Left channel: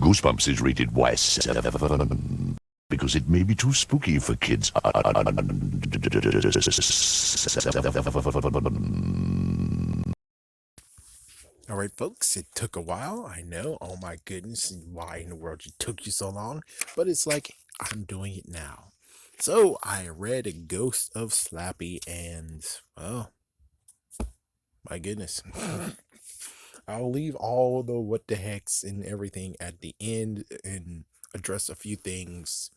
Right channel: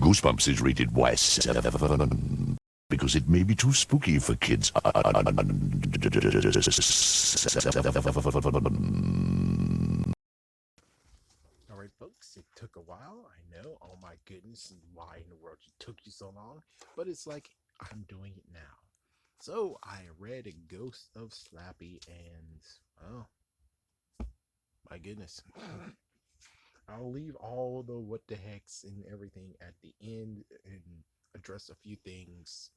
Goosebumps is rated Y because it may be too spooky for kids. All right, folks, it took a while. I know. Oh my goodness, why in the world it took you so long? But it's like I'm doing it now. So I read A Ghost of Slappy, and well, my goodness. I'll leave all the what the heck's and everything at the end and address a few things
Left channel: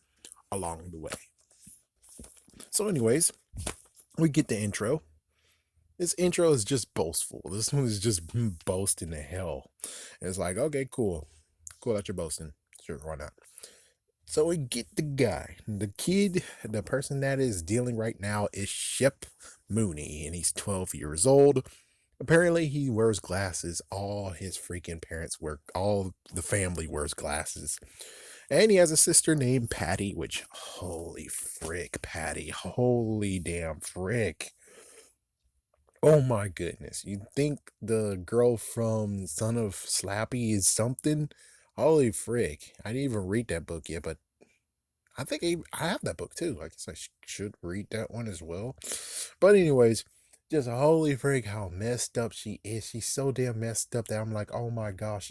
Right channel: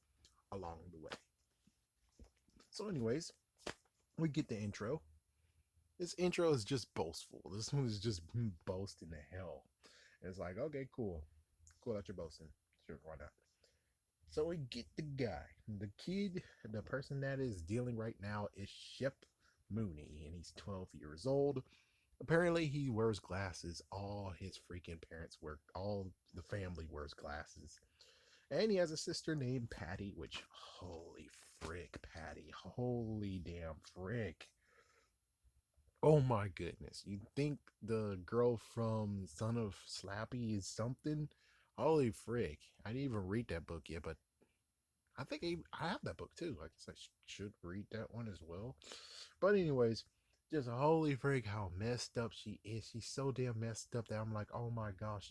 along the way. So, anyways, we get the intro. This intro is just boastful. This one is just boasting to hell. And it's like, okay, cool. Cool that you're boasting. Sure, why not? So we get the guy. The kid, the person that is dealing right now is Shep Mooney, and he's 12 years old. Apparently, he wears glasses. All his freaking parents wear, all the family wears glasses. And he has a sister named Patty, which, holy frick, Patty. Holy damn frick. Oh my goodness. You think the girl from Son of Slappy is something? Holy frick. I didn't even read that book yet, but I think I have that book too. I guess I should read that one as well. But, anyways, just holy frick how messed up she is. She's so damn messed up that I'm like, oh my gosh,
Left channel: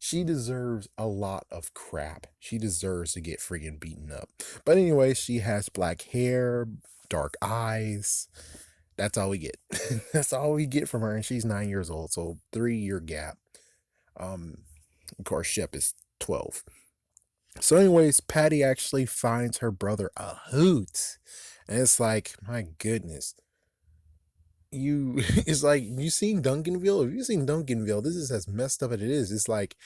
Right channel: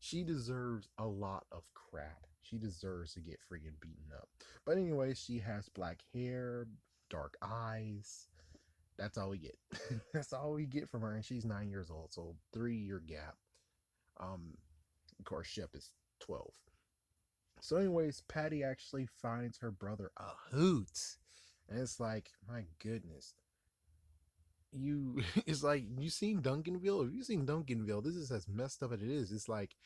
she deserves a lot of crap. She deserves to get freaking beaten up. But, anyways, she has black hair, dark eyes. That's all we get. That's all we get from her, and she's 9 years old, so 3 year gap. Um, of course, Shep is 12. So, anyways, Patty actually finds her brother a hoot, and it's like, my goodness, you. It's like you seen Duncanville. If you seen Duncanville, this is as messed up as it is. It's like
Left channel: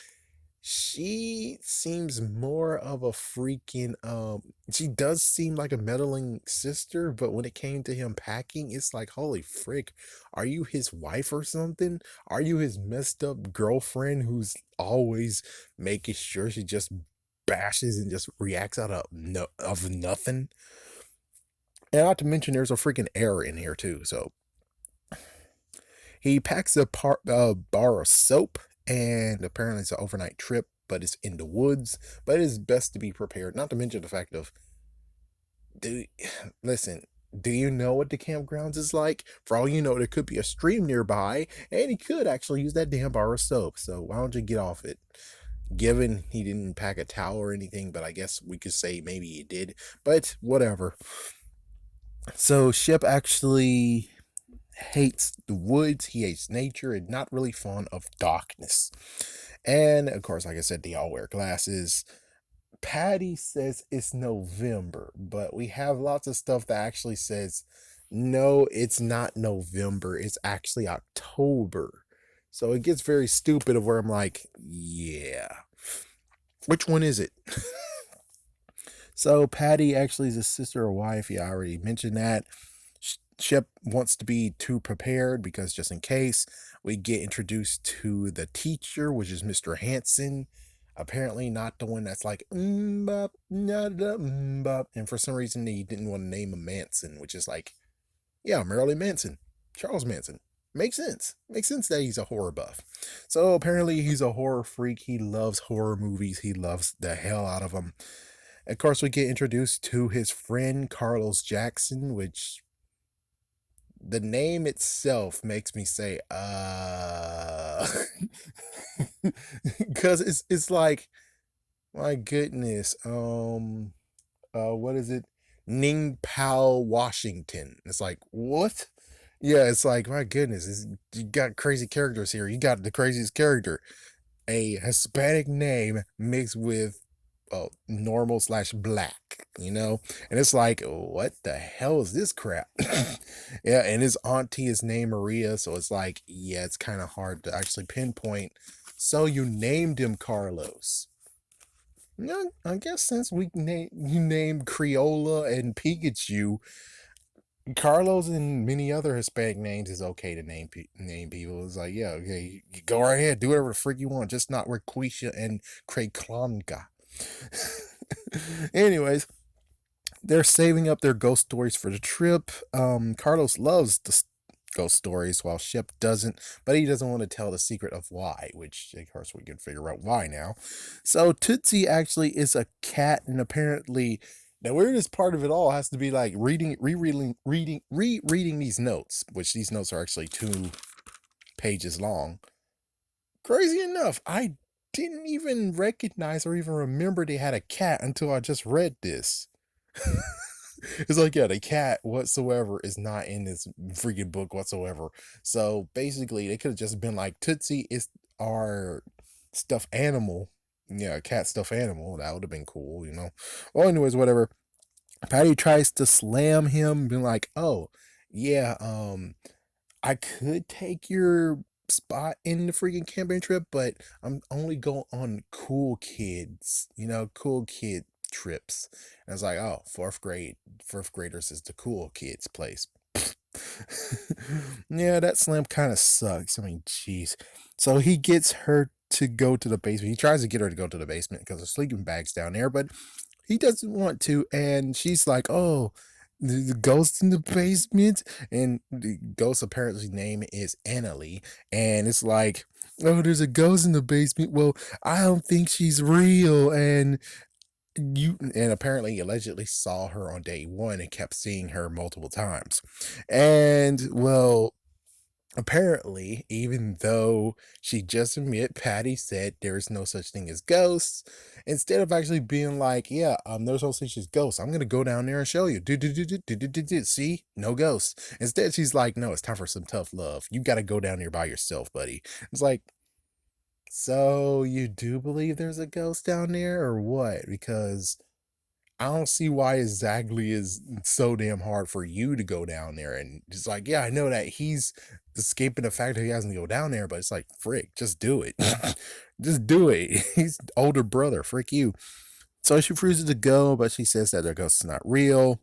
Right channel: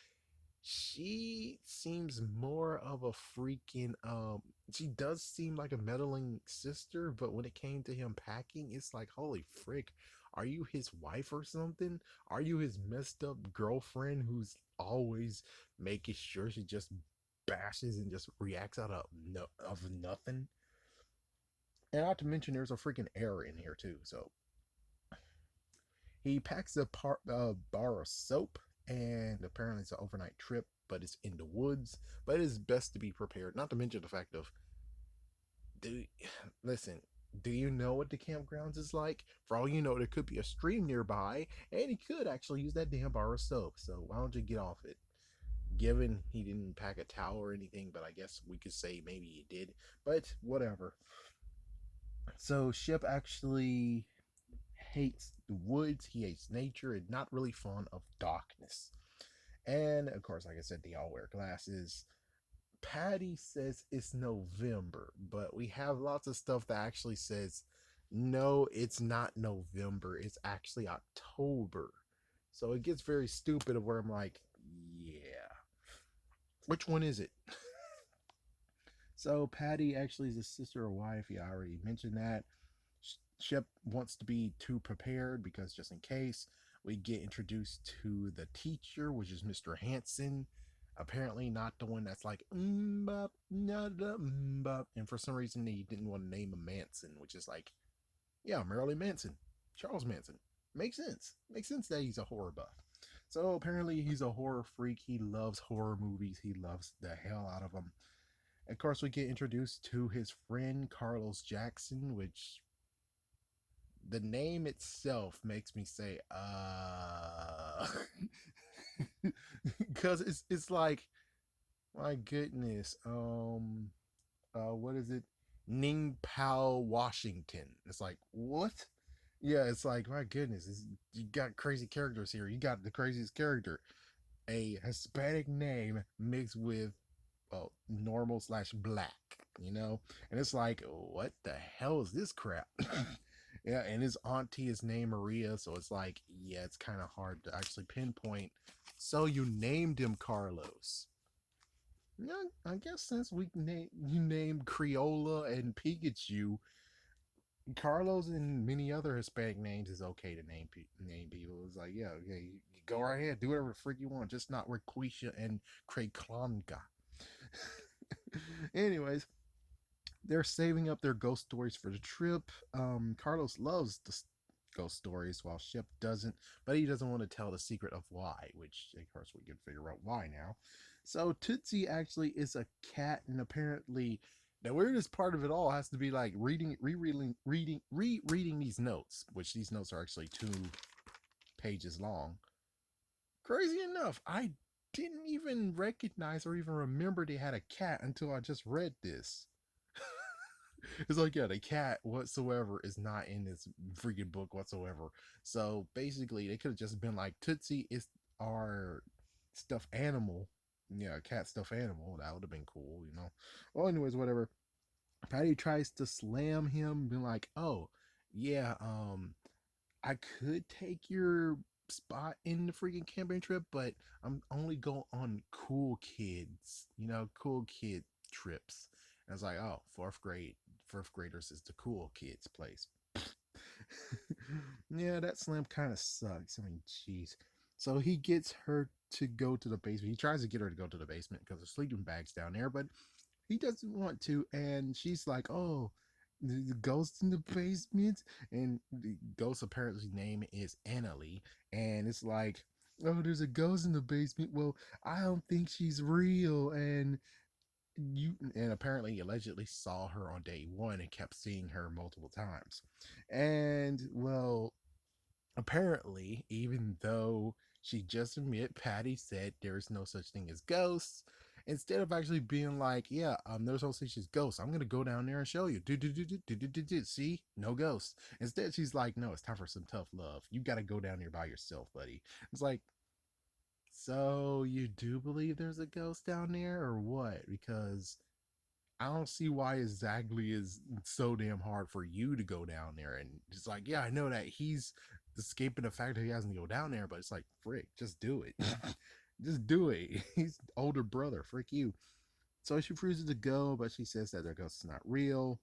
she seems more of a freaking she does seem like a meddling sister, but when it came to him packing, it's like, holy frick, are you his wife or something? Are you his messed up girlfriend who's always making sure she just bashes and just reacts out of nothing? And not to mention there's a freaking error in here too. So he packs bar of soap, and apparently it's an overnight trip, but it's in the woods. But it is best to be prepared. Not to mention the fact of, do listen. Do you know what the campgrounds is like? For all you know, there could be a stream nearby, and he could actually use that damn bar of soap. So why don't you get off it? Given he didn't pack a towel or anything, but I guess we could say maybe he did. But whatever. So Ship actually hates the woods, he hates nature, and not really fond of darkness. And of course, like I said, they all wear glasses. Patty says it's November, but we have lots of stuff that actually says no, it's not November, it's actually October. So it gets very stupid of where I'm like, yeah, which one is it? So Patty actually is a sister or wife. Yeah, I already mentioned that. Shep wants to be too prepared because just in case, we get introduced to the teacher, which is Mr. Hanson. Apparently, not the one that's like, bop, nada, bop. And for some reason, he didn't want to name him Manson, which is like, yeah, Marilyn Manson, Charles Manson. Makes sense. Makes sense that he's a horror buff. So apparently, he's a horror freak. He loves horror movies. He loves the hell out of them. Of course, we get introduced to his friend Carlos Jackson, which the name itself makes me say, because it's like, my goodness, what is it? Ning Pao Washington. It's like, what? Yeah, it's like, my goodness, you got crazy characters here. You got the craziest character, a Hispanic name mixed with normal slash black, and it's like, what the hell is this crap? Yeah, and his auntie is named Maria, so it's like, yeah, it's kind of hard to actually pinpoint. So you named him Carlos. Yeah, I guess since you named Creola and Pikachu, Carlos and many other Hispanic names is okay to name people. It's like, yeah, okay, you go right ahead, do whatever the freak you want, just not Raquisha and Craig Klonka. Anyways, they're saving up their ghost stories for the trip. Carlos loves ghost stories, while Shep doesn't, but he doesn't want to tell the secret of why, which of course we can figure out why now. So Tootsie actually is a cat, and apparently the weirdest part of it all has to be like rereading these notes, which these notes are actually 2 pages long. Crazy enough, I didn't even recognize or even remember they had a cat until I just read this. It's like, yeah, the cat whatsoever is not in this freaking book whatsoever. So basically, they could have just been like, Tootsie is our stuffed animal. Yeah, a cat stuffed animal. That would have been cool, you know? Well, anyways, whatever. Patty tries to slam him, being like, oh, yeah, I could take your spot in the freaking camping trip, but I'm only going on cool kids, cool kid trips. And I was like, oh, fourth graders is the cool kids place. Yeah, that slam kind of sucks. I mean, jeez. So he gets her to go to the basement. He tries to get her to go to the basement because the sleeping bag's down there, but he doesn't want to. And she's like, oh, the ghost in the basement. And the ghost apparently name is Annalie. And it's like, oh, there's a ghost in the basement. Well, I don't think she's real. And apparently allegedly saw her on day one and kept seeing her multiple times. And well, apparently, even though she just admit Patty said there is no such thing as ghosts, instead of actually being like, yeah, there's no such thing as ghosts, I'm gonna go down there and show you. See, no ghosts. Instead, she's like, no, it's time for some tough love. You gotta go down there by yourself, buddy. It's like, so you do believe there's a ghost down there, or what? Because I don't see why exactly is so damn hard for you to go down there. And just like, yeah, I know that he's escaping the fact that he hasn't to go down there, but it's like, frick, just do it. Just do it. He's older brother, frick you. So she refuses to go, but she says that their ghost is not real.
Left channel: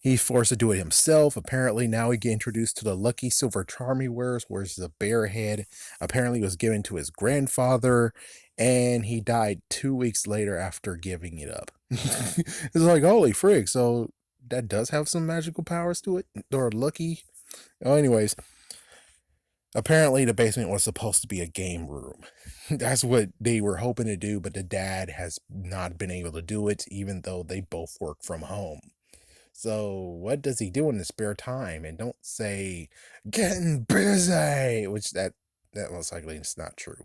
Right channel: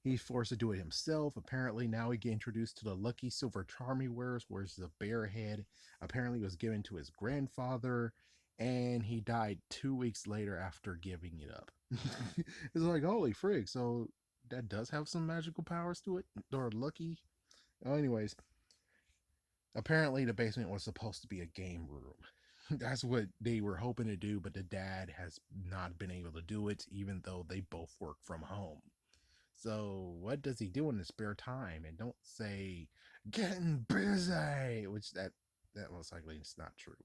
He's forced to do it himself. Apparently, now we get introduced to the lucky silver charm he wears, wears a bear head. Apparently, it was given to his grandfather, and he died 2 weeks later after giving it up. It's like, holy frig. So that does have some magical powers to it, or lucky. Oh, anyways, apparently, the basement was supposed to be a game room. That's what they were hoping to do, but the dad has not been able to do it, even though they both work from home. So what does he do in his spare time? And don't say getting busy, which that most likely is not true.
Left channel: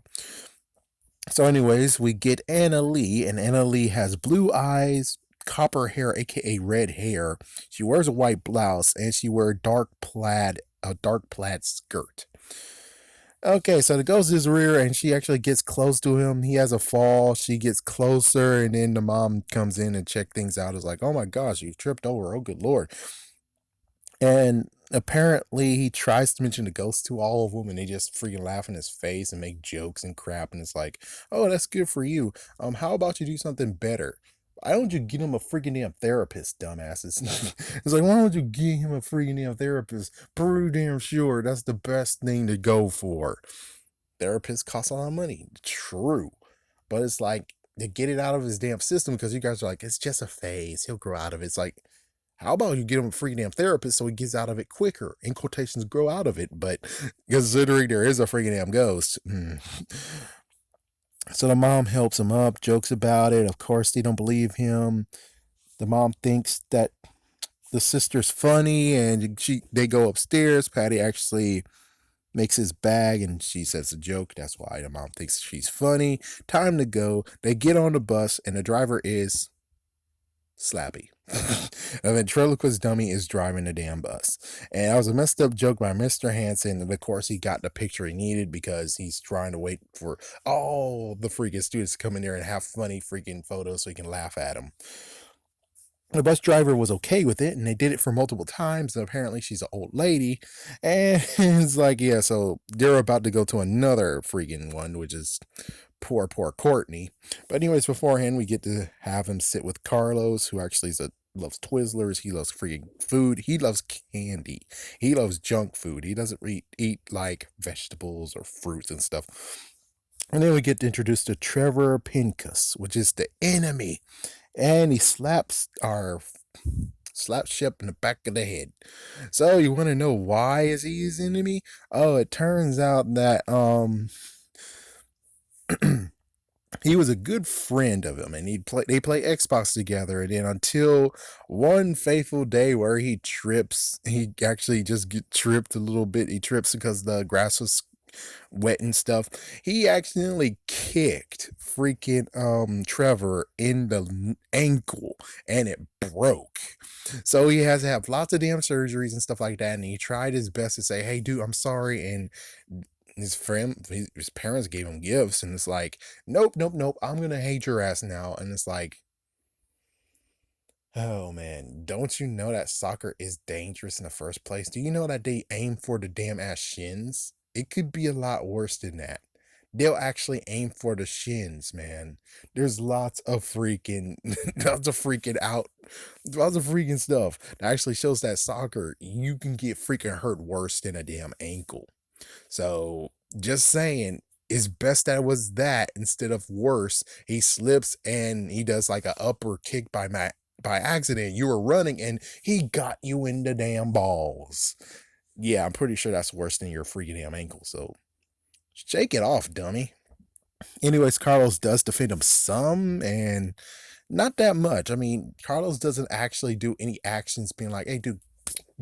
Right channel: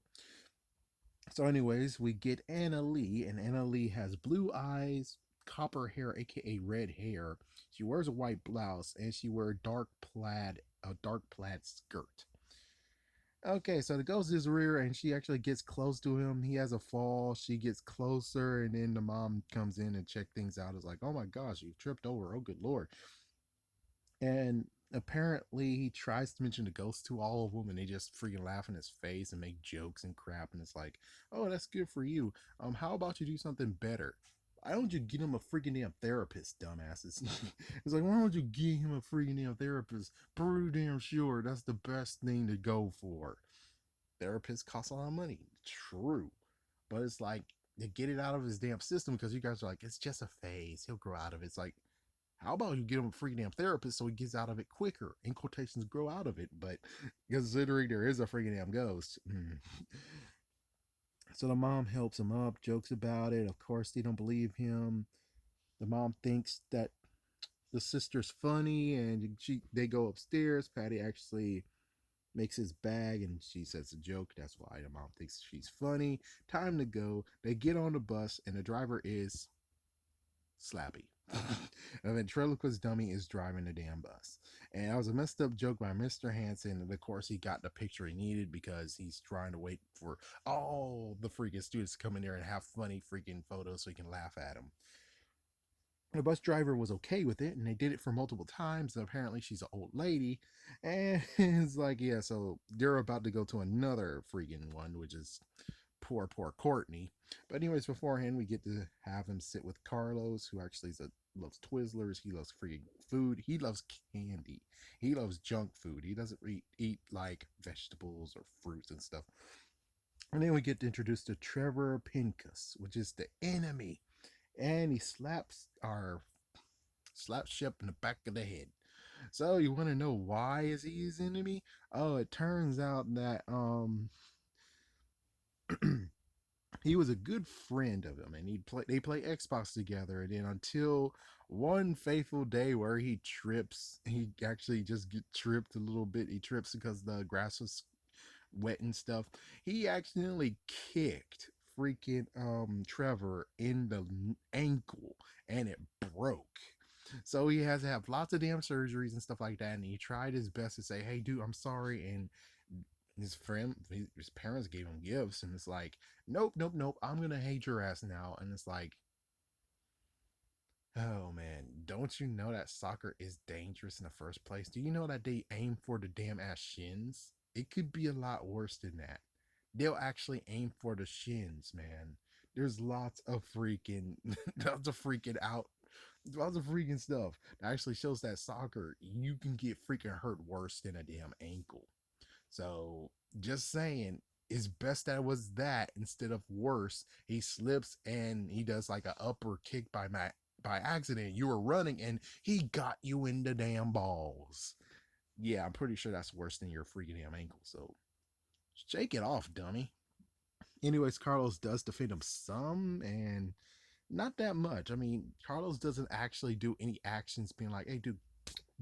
So, anyways, we get Anna Lee, and Anna Lee has blue eyes, copper hair, aka red hair. She wears a white blouse, and she wears a dark plaid skirt. Okay, so the ghost is rear, and she actually gets close to him. He has a fall. She gets closer, and then the mom comes in and check things out. It's like, oh my gosh, you tripped over. Oh, good lord. And apparently, he tries to mention the ghost to all of them, and they just freaking laugh in his face and make jokes and crap. And it's like, oh, that's good for you. How about you do something better? Why don't you get him a freaking damn therapist, dumbasses? It's like, why don't you get him a freaking damn therapist? Pretty damn sure that's the best thing to go for. Therapists cost a lot of money. True. But it's like, to get it out of his damn system, because you guys are like, it's just a phase. He'll grow out of it. It's like, how about you get him a freaking damn therapist so he gets out of it quicker? In quotations, grow out of it. But considering there is a freaking damn ghost. So the mom helps him up, jokes about it. Of course, they don't believe him. The mom thinks that the sister's funny, and they go upstairs. Patty actually makes his bag, and she says a joke. That's why the mom thinks she's funny. Time to go. They get on the bus, and the driver is Slappy. A ventriloquist dummy is driving the damn bus. And that was a messed up joke by Mr. Hansen. And of course, he got the picture he needed because he's trying to wait for all the freaking students to come in there and have funny freaking photos so he can laugh at them. The bus driver was okay with it, and they did it for multiple times. And apparently, she's an old lady. And it's like, yeah, so they're about to go to another freaking one, which is poor Courtney. But anyways, beforehand, we get to have him sit with Carlos, who actually loves Twizzlers. He loves freaking food. He loves candy. He loves junk food. He doesn't eat like vegetables or fruits and stuff. And then we get introduced to Trevor Pincus, which is the enemy. And he slaps our Slap Shep in the back of the head. So you want to know why is he his enemy? Oh, it turns out that he was a good friend of him, and they play Xbox together. And then until one fateful day where he trips, he actually just get tripped a little bit. He trips because the grass was wet and stuff. He accidentally kicked freaking Trevor in the ankle, and it broke. So he has to have lots of damn surgeries and stuff like that. And he tried his best to say, "Hey, dude, I'm sorry." And his parents gave him gifts, and it's like, "Nope, nope, nope. I'm gonna hate your ass now." And it's like, oh man, don't you know that soccer is dangerous in the first place? Do you know that they aim for the damn ass shins? It could be a lot worse than that. They'll actually aim for the shins, man. There's lots of freaking, lots of freaking stuff that actually shows that soccer, you can get freaking hurt worse than a damn ankle. So just saying, it's best that it was that instead of worse. He slips and he does like a upper kick by accident. You were running and he got you in the damn balls. Yeah, I'm pretty sure that's worse than your freaking damn ankle. So shake it off, dummy. Anyways, Carlos does defend him some and not that much. I mean, Carlos doesn't actually do any actions being like, "Hey, dude,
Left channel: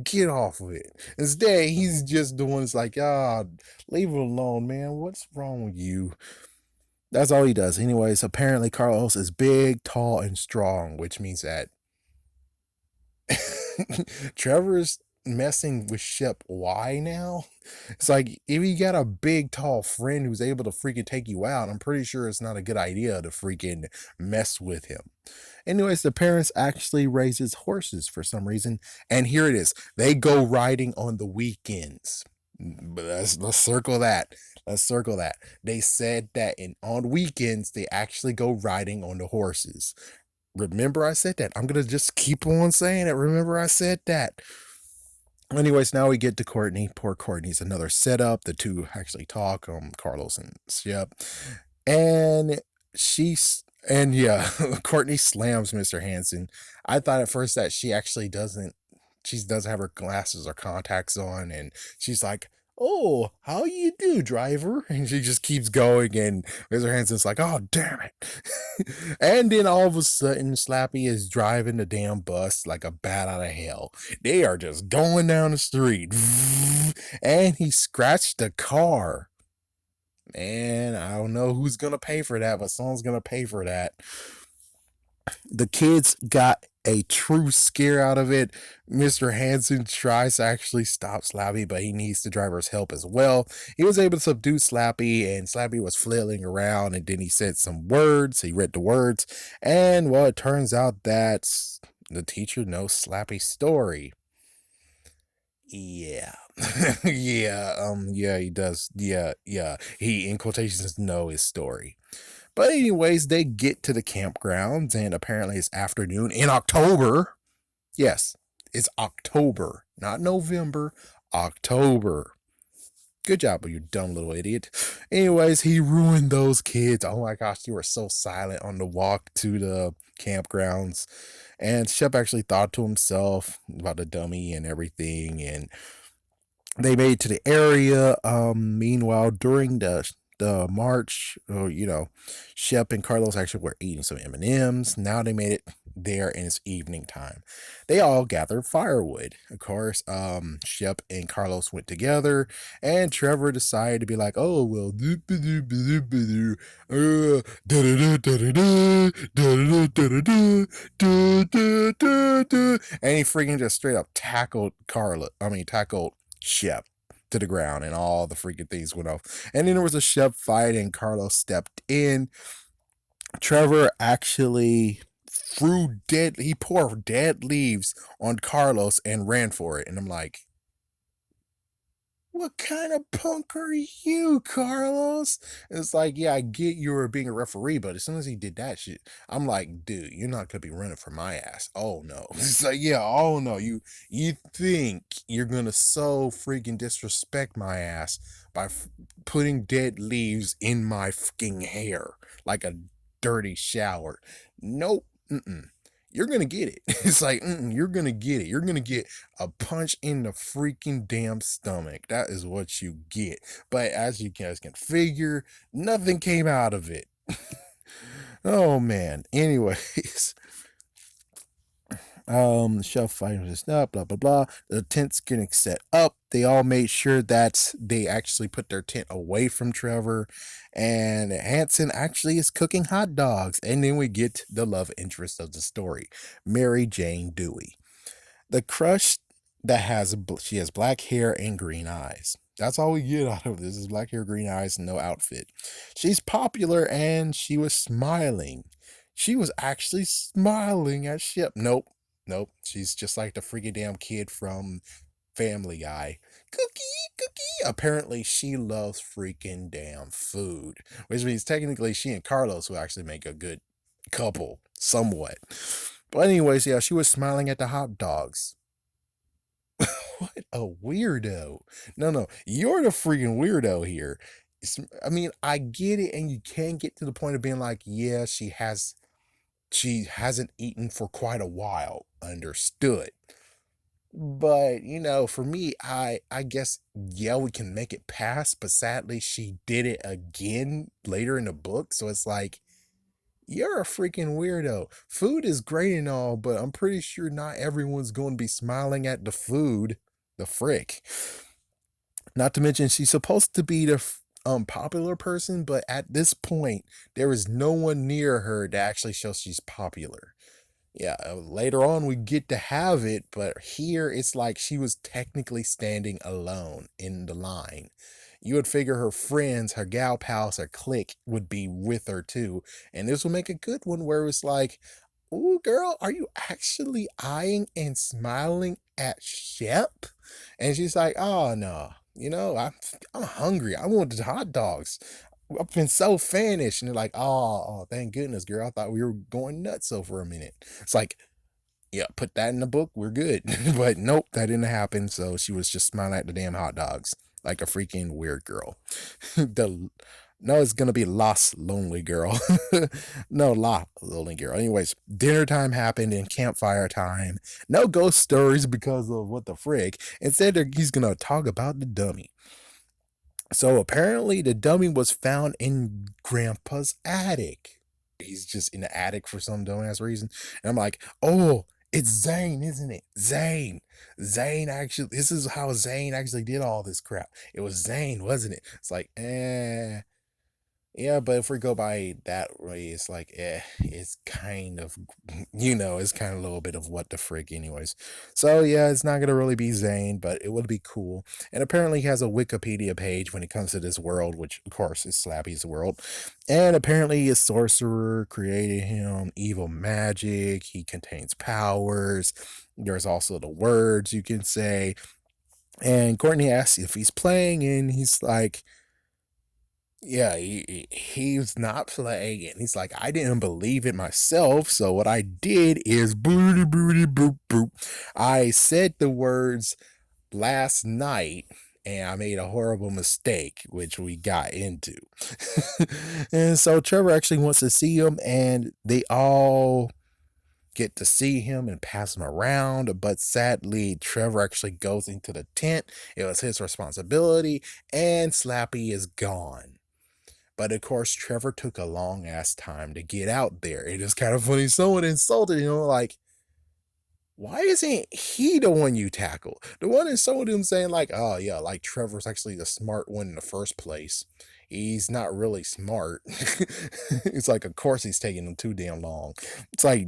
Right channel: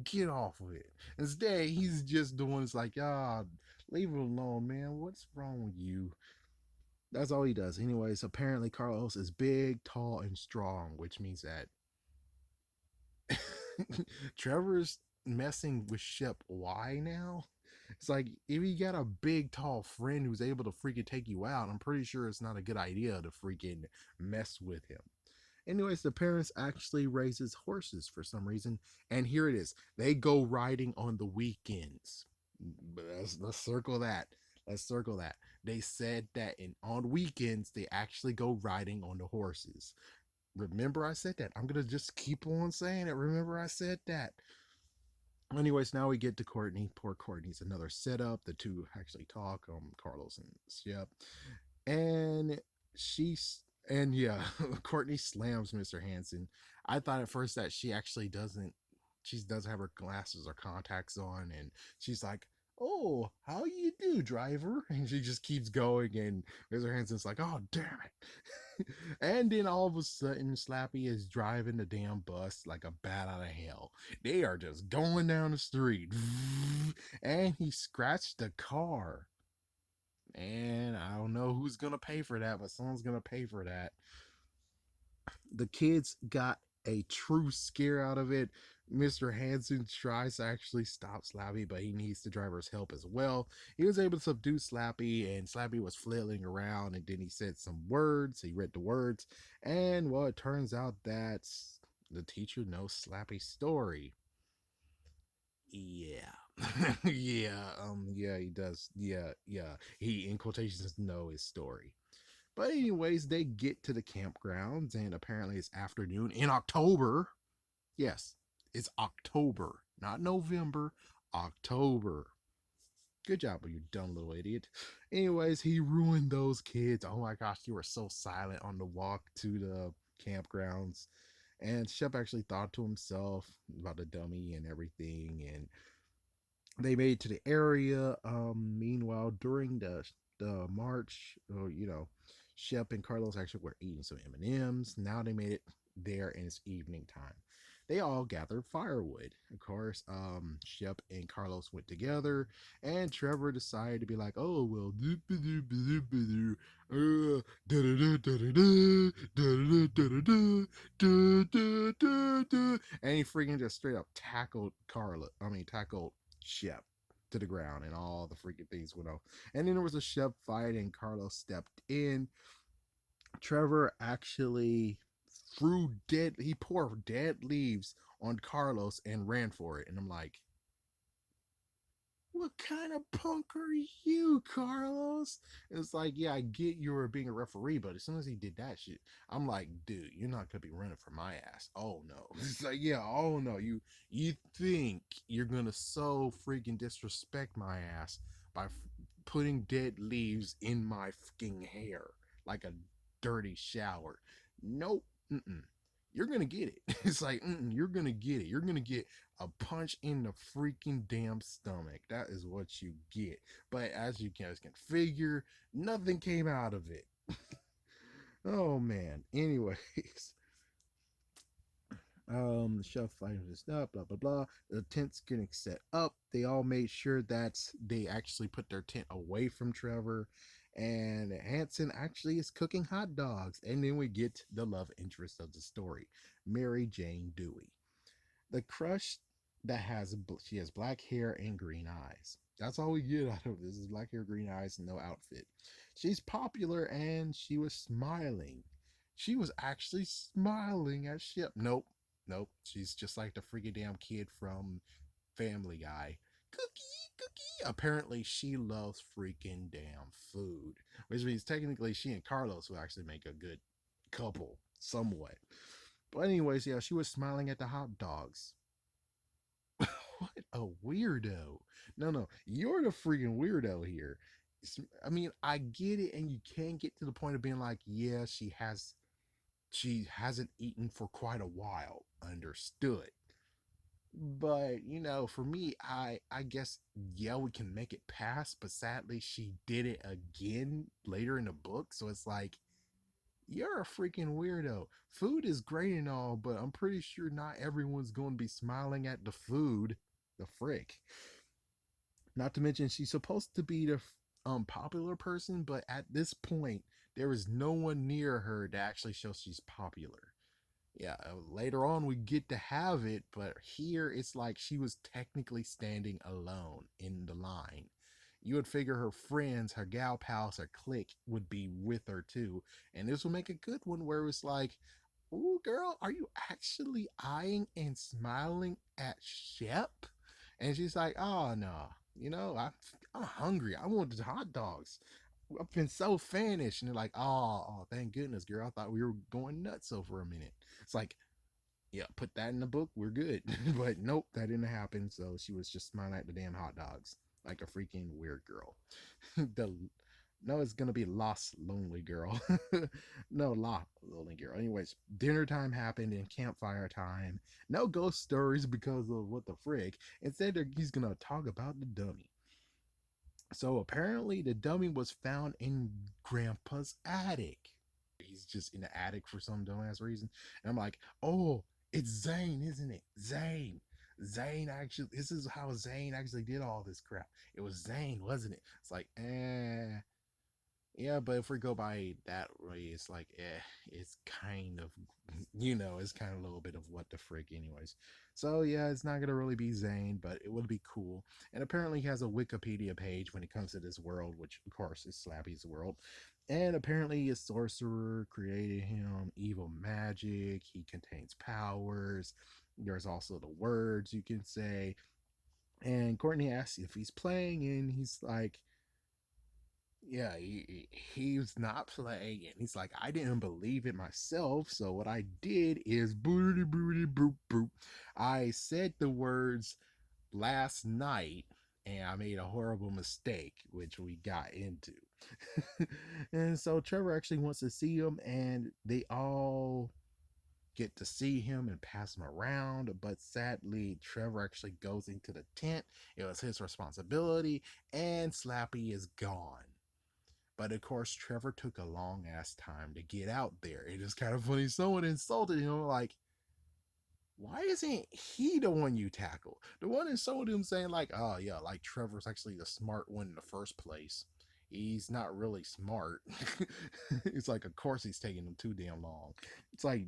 get off of it." Instead, he's just the one that's like, "Ah, leave it alone, man. What's wrong with you?" That's all he does. Anyways, apparently Carlos is big, tall, and strong, which means that Trevor's messing with Shep. Why now? It's like, if you got a big, tall friend who's able to freaking take you out, I'm pretty sure it's not a good idea to freaking mess with him. Anyways, the parents actually raises horses for some reason, and here it is. They go riding on the weekends. But let's circle that. Let's circle that. They said that on weekends they actually go riding on the horses. Remember I said that. I'm gonna just keep on saying it. Remember I said that. Anyways, now we get to Courtney. Poor Courtney's another setup. The two actually talk, Carlos and Shep. And she's and yeah, Courtney slams Mr. Hanson. I thought at first that she doesn't have her glasses or contacts on, and she's like, "Oh, how you do, driver?" And she just keeps going, and Mr. Hanson's like, "Oh, damn it." And then all of a sudden, Slappy is driving the damn bus like a bat out of hell. They are just going down the street, and he scratched the car. Man, I don't know who's gonna pay for that, but someone's gonna pay for that. The kids got a true scare out of it. Mr. Hanson tries to actually stop Slappy, but he needs the driver's help as well. He was able to subdue Slappy, and Slappy was flailing around, and then he said some words. He read the words, and well, it turns out that the teacher knows Slappy's story. Yeah. Yeah, he does. Yeah. He, in quotations, know his story. But anyways, they get to the campgrounds, and apparently it's afternoon in October. Yes, it's October, not November, October. Good job, you dumb little idiot. Anyways, he ruined those kids. Oh my gosh, you were so silent on the walk to the campgrounds. And Shep actually thought to himself about the dummy and everything, and they made it to the area. Meanwhile, during the march, Shep and Carlos actually were eating some M&Ms. Now they made it there, and it's evening time. They all gathered firewood. Of course, Shep and Carlos went together, and Trevor decided to be like, "Oh well, and he freaking just straight up tackled Shep to the ground, and all the freaking things went off. And then there was a Shep fight, and Carlos stepped in. Trevor actually he poured dead leaves on Carlos and ran for it. And I'm like, what kind of punk are you, Carlos? It's like, yeah, I get you were being a referee, but as soon as he did that shit, I'm like, dude, you're not gonna be running for my ass. Oh no. It's like, yeah, oh no. You think you're gonna so freaking disrespect my ass by putting dead leaves in my fucking hair like a dirty shower? Nope. Mm-mm. you're gonna get it. It's like, you're gonna get it. You're gonna get a punch in the freaking damn stomach. That is what you get. But as you guys can figure, nothing came out of it. Oh man. Anyways, shelf fighting this up, blah blah blah. The tent's getting set up. They all made sure that they actually put their tent away from Trevor, and Hanson actually is cooking hot dogs. And then we get the love interest of the story, Mary Jane Dewey, the crush that she has black hair and green eyes. That's all we get out of this is black hair, green eyes, no outfit. She's popular and she was smiling. She was actually smiling at Ship. Nope. Nope. She's just like the freaking damn kid from Family Guy. Cookie, cookie. Apparently, she loves freaking damn food, which means technically she and Carlos will actually make a good couple, somewhat. But, anyways, yeah, she was smiling at the hot dogs. What a weirdo. No, no, you're the freaking weirdo here. I mean, I get it, and you can get to the point of being like, yeah, she hasn't eaten for quite a while. Understood. But, for me, I guess yeah, we can make it pass, but sadly she did it again later in the book. So it's like, you're a freaking weirdo. Food is great and all, but I'm pretty sure not everyone's going to be smiling at the food. The frick. Not to mention, she's supposed to be the popular person, but at this point, there is no one near her to actually show she's popular. Yeah, later on we get to have it, but here it's like she was technically standing alone in the line. You would figure her friends, her gal pals, her clique would be with her too, and this will make a good one where it's like, "Ooh, girl, are you actually eyeing and smiling at Shep?" And she's like, "Oh no, I'm hungry. I want the hot dogs. I've been so famished." And they're like, "Oh, thank goodness, girl. I thought we were going nuts so for a minute." It's like, yeah, put that in the book. We're good. But nope, that didn't happen. So she was just smiling at the damn hot dogs like a freaking weird girl. the No, it's gonna be Lost Lonely Girl. No, La Lonely Girl. Anyways, dinner time happened and campfire time. No ghost stories because of what the frick. Instead, he's gonna talk about the dummy. So apparently, the dummy was found in Grandpa's attic. He's just in the attic for some dumbass reason. And I'm like, oh, it's Zane, isn't it? Zane. Zane actually, this is how Zane actually did all this crap. It was Zane, wasn't it? It's like, yeah, but if we go by that way, it's like, it's kind of, it's kind of a little bit of what the frig, anyways. So, yeah, it's not going to really be Zane, but it would be cool. And apparently, he has a Wikipedia page when it comes to this world, which, of course, is Slappy's world. And apparently, a sorcerer created him evil magic. He contains powers. There's also the words you can say. And Courtney asks if he's playing, and he's like, yeah, he's not playing it. He's like, I didn't believe it myself. So what I did is booty booty boop boop. I said the words last night and I made a horrible mistake, which we got into. And so Trevor actually wants to see him, and they all get to see him and pass him around. But sadly, Trevor actually goes into the tent. It was his responsibility, and Slappy is gone. But of course, Trevor took a long ass time to get out there. It is kind of funny. Someone insulted him, like, why isn't he the one you tackle? The one insulted him saying, like, oh yeah, like Trevor's actually the smart one in the first place. He's not really smart. It's like, of course he's taking him too damn long. It's like,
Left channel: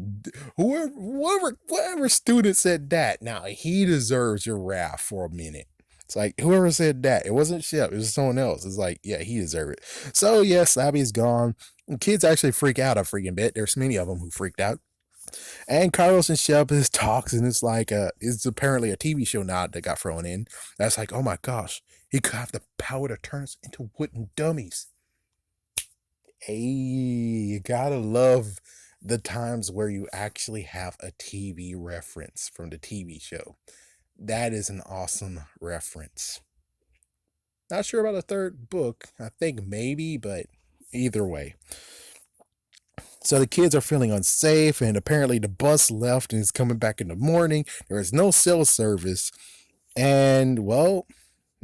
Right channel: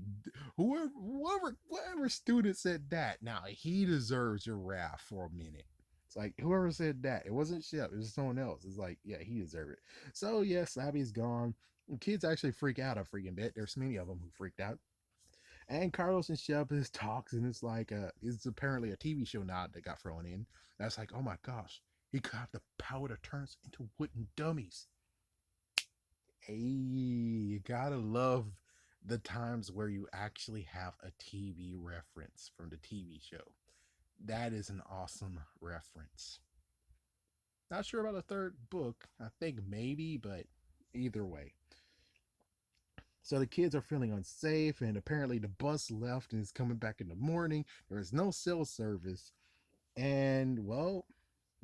whoever student said that, now he deserves your wrath for a minute. It's like, whoever said that, it wasn't Shep, it was someone else. It's like, yeah, he deserved it. So yeah, Slappy's gone. Kids actually freak out a freaking bit. There's many of them who freaked out. And Carlos and Shep is talks, and it's like it's apparently a TV show nod that got thrown in. That's like, oh my gosh, he could have the power to turn us into wooden dummies. Hey, you gotta love the times where you actually have a TV reference from the TV show. That is an awesome reference. Not sure about the third book. I think maybe, but either way. So the kids are feeling unsafe, and apparently the bus left and is coming back in the morning. There is no cell service, and well,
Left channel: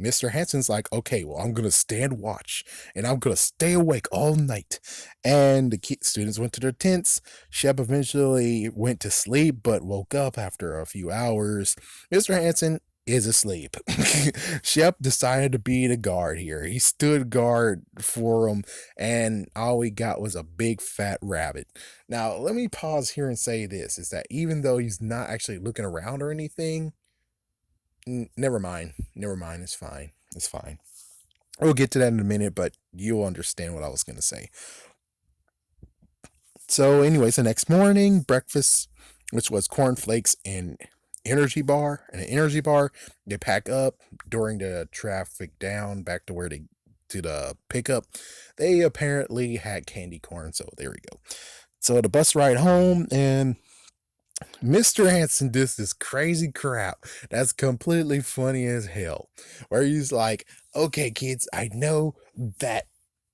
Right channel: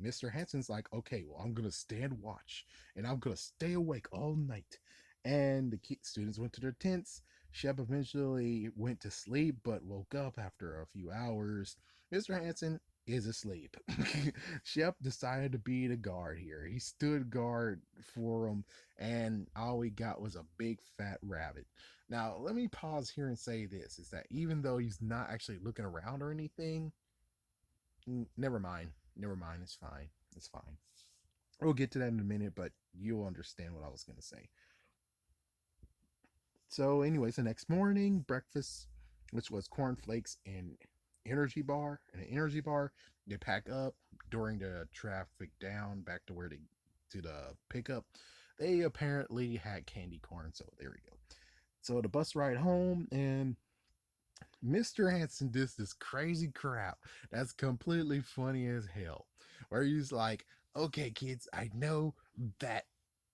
Mr. Hanson's like, okay, well, I'm gonna stand watch and I'm gonna stay awake all night. And the students went to their tents. Shep eventually went to sleep, but woke up after a few hours. Mr. Hanson is asleep. Shep decided to be the guard here. He stood guard for him, and all we got was a big fat rabbit. Now, let me pause here and say this is that even though he's not actually looking around or anything, never mind. Never mind. It's fine. It's fine. We'll get to that in a minute, but you'll understand what I was going to say. So, anyways, the next morning, breakfast, which was cornflakes and an energy bar, they pack up during the traffic down back to where they to the pickup. They apparently had candy corn, so there we go. So the bus ride home, and Mr. Hanson does this crazy crap that's completely funny as hell. Where he's like, okay, kids, I know that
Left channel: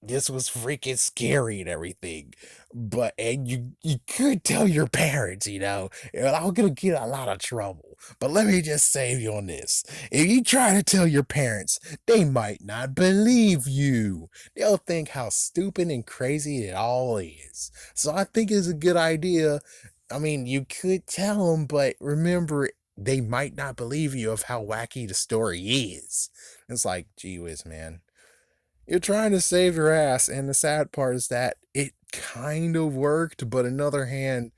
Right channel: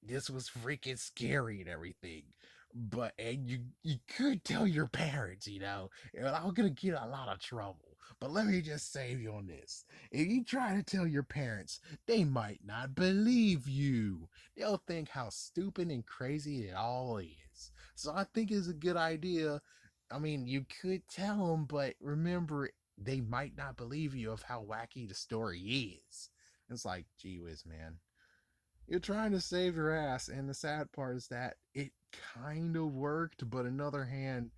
this was freaking scary and everything. But and you could tell your parents, and I'm gonna get a lot of trouble. But let me just save you on this. If you try to tell your parents, they might not believe you. They'll think how stupid and crazy it all is. So I think it's a good idea. I mean, you could tell them, but remember, they might not believe you of how wacky the story is. It's like, gee whiz, man. You're trying to save your ass, and the sad part is that it kind of worked, but on the other hand,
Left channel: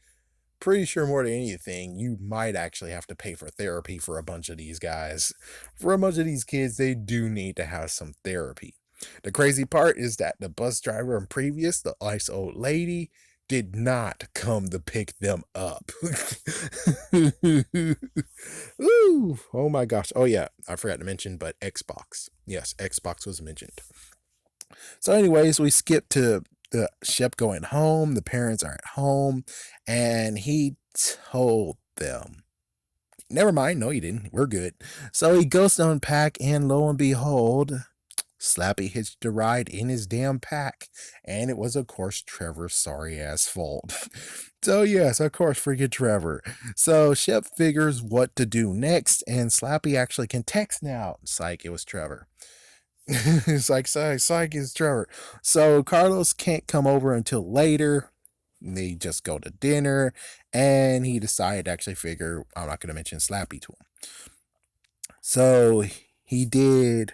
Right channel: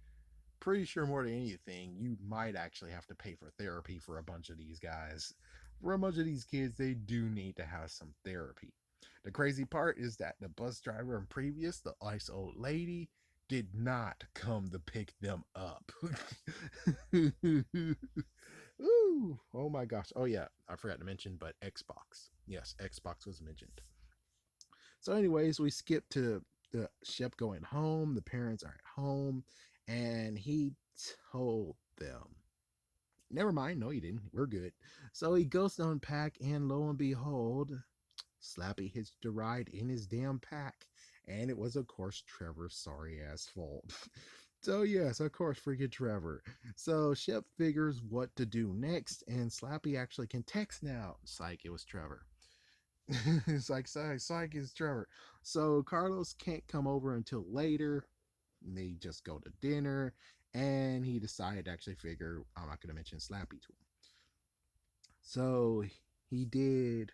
pretty sure more than anything, you might actually have to pay for therapy for a bunch of these guys. For a bunch of these kids, they do need to have some therapy. The crazy part is that the bus driver and previous, the nice old lady, did not come to pick them up. Ooh, oh my gosh. Oh yeah, I forgot to mention, but Xbox. Yes, Xbox was mentioned. So, anyways, we skip to the Shep going home. The parents are at home, and he told them, never mind, no, he didn't. We're good. So he goes to unpack, and lo and behold, Slappy hitched a ride in his damn pack. And it was, of course, Trevor's sorry ass fault. So, yes, of course, freaking Trevor. So Shep figures what to do next, and Slappy actually can text now. It's like it was Trevor. It's like psych is Trevor. So Carlos can't come over until later. They just go to dinner, and he decided to actually figure I'm not going to mention Slappy to him. So he did.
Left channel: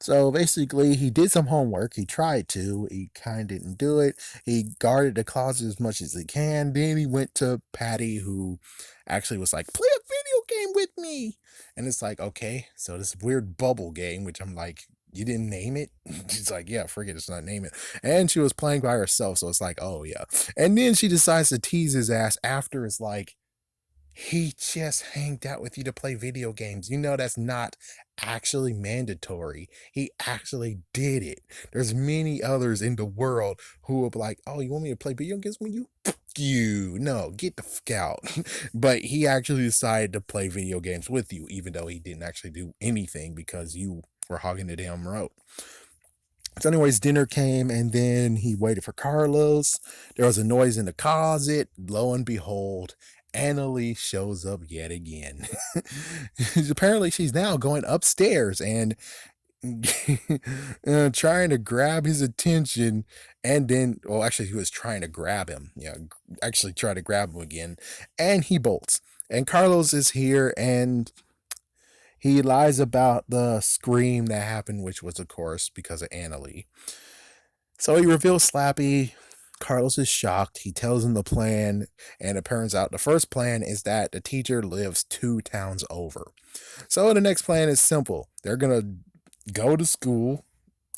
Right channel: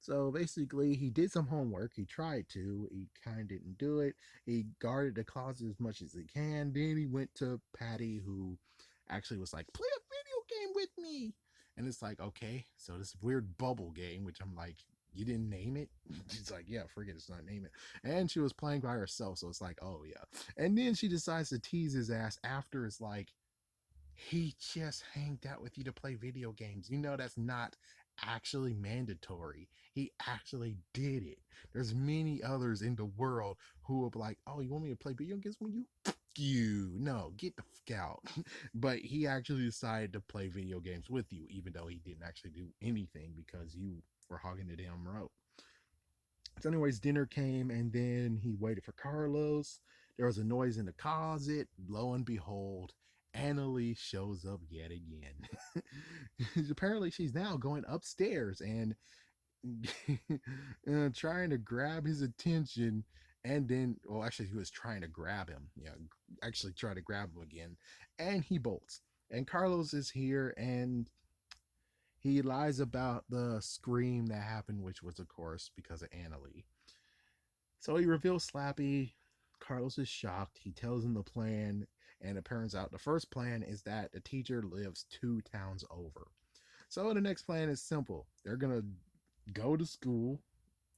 So basically, he did some homework. He tried to. He kind of didn't do it. He guarded the closet as much as he can. Then he went to Patty, who actually was like, "Play a video game with me." And it's like, okay, so this weird bubble game, which I'm like, you didn't name it? She's like, yeah, forget it's not name it. And she was playing by herself, so it's like, oh yeah. And then she decides to tease his ass after it's like, he just hanged out with you to play video games. You know that's not actually mandatory. He actually did it. There's many others in the world who will be like, "Oh, you want me to play video games with you? You no, get the fuck out." But he actually decided to play video games with you, even though he didn't actually do anything because you were hogging the damn road. So, anyways, dinner came, and then he waited for Carlos. There was a noise in the closet. Lo and behold, Annalie shows up yet again. Apparently, she's now going upstairs and trying to grab his attention. And then, well, actually, he was trying to grab him. Yeah, actually, try to grab him again. And he bolts. And Carlos is here, and he lies about the scream that happened, which was, of course, because of Annalie. So he reveals Slappy. Carlos is shocked. He tells him the plan, and it turns out the first plan is that the teacher lives 2 towns over. So the next plan is simple. They're gonna go to school.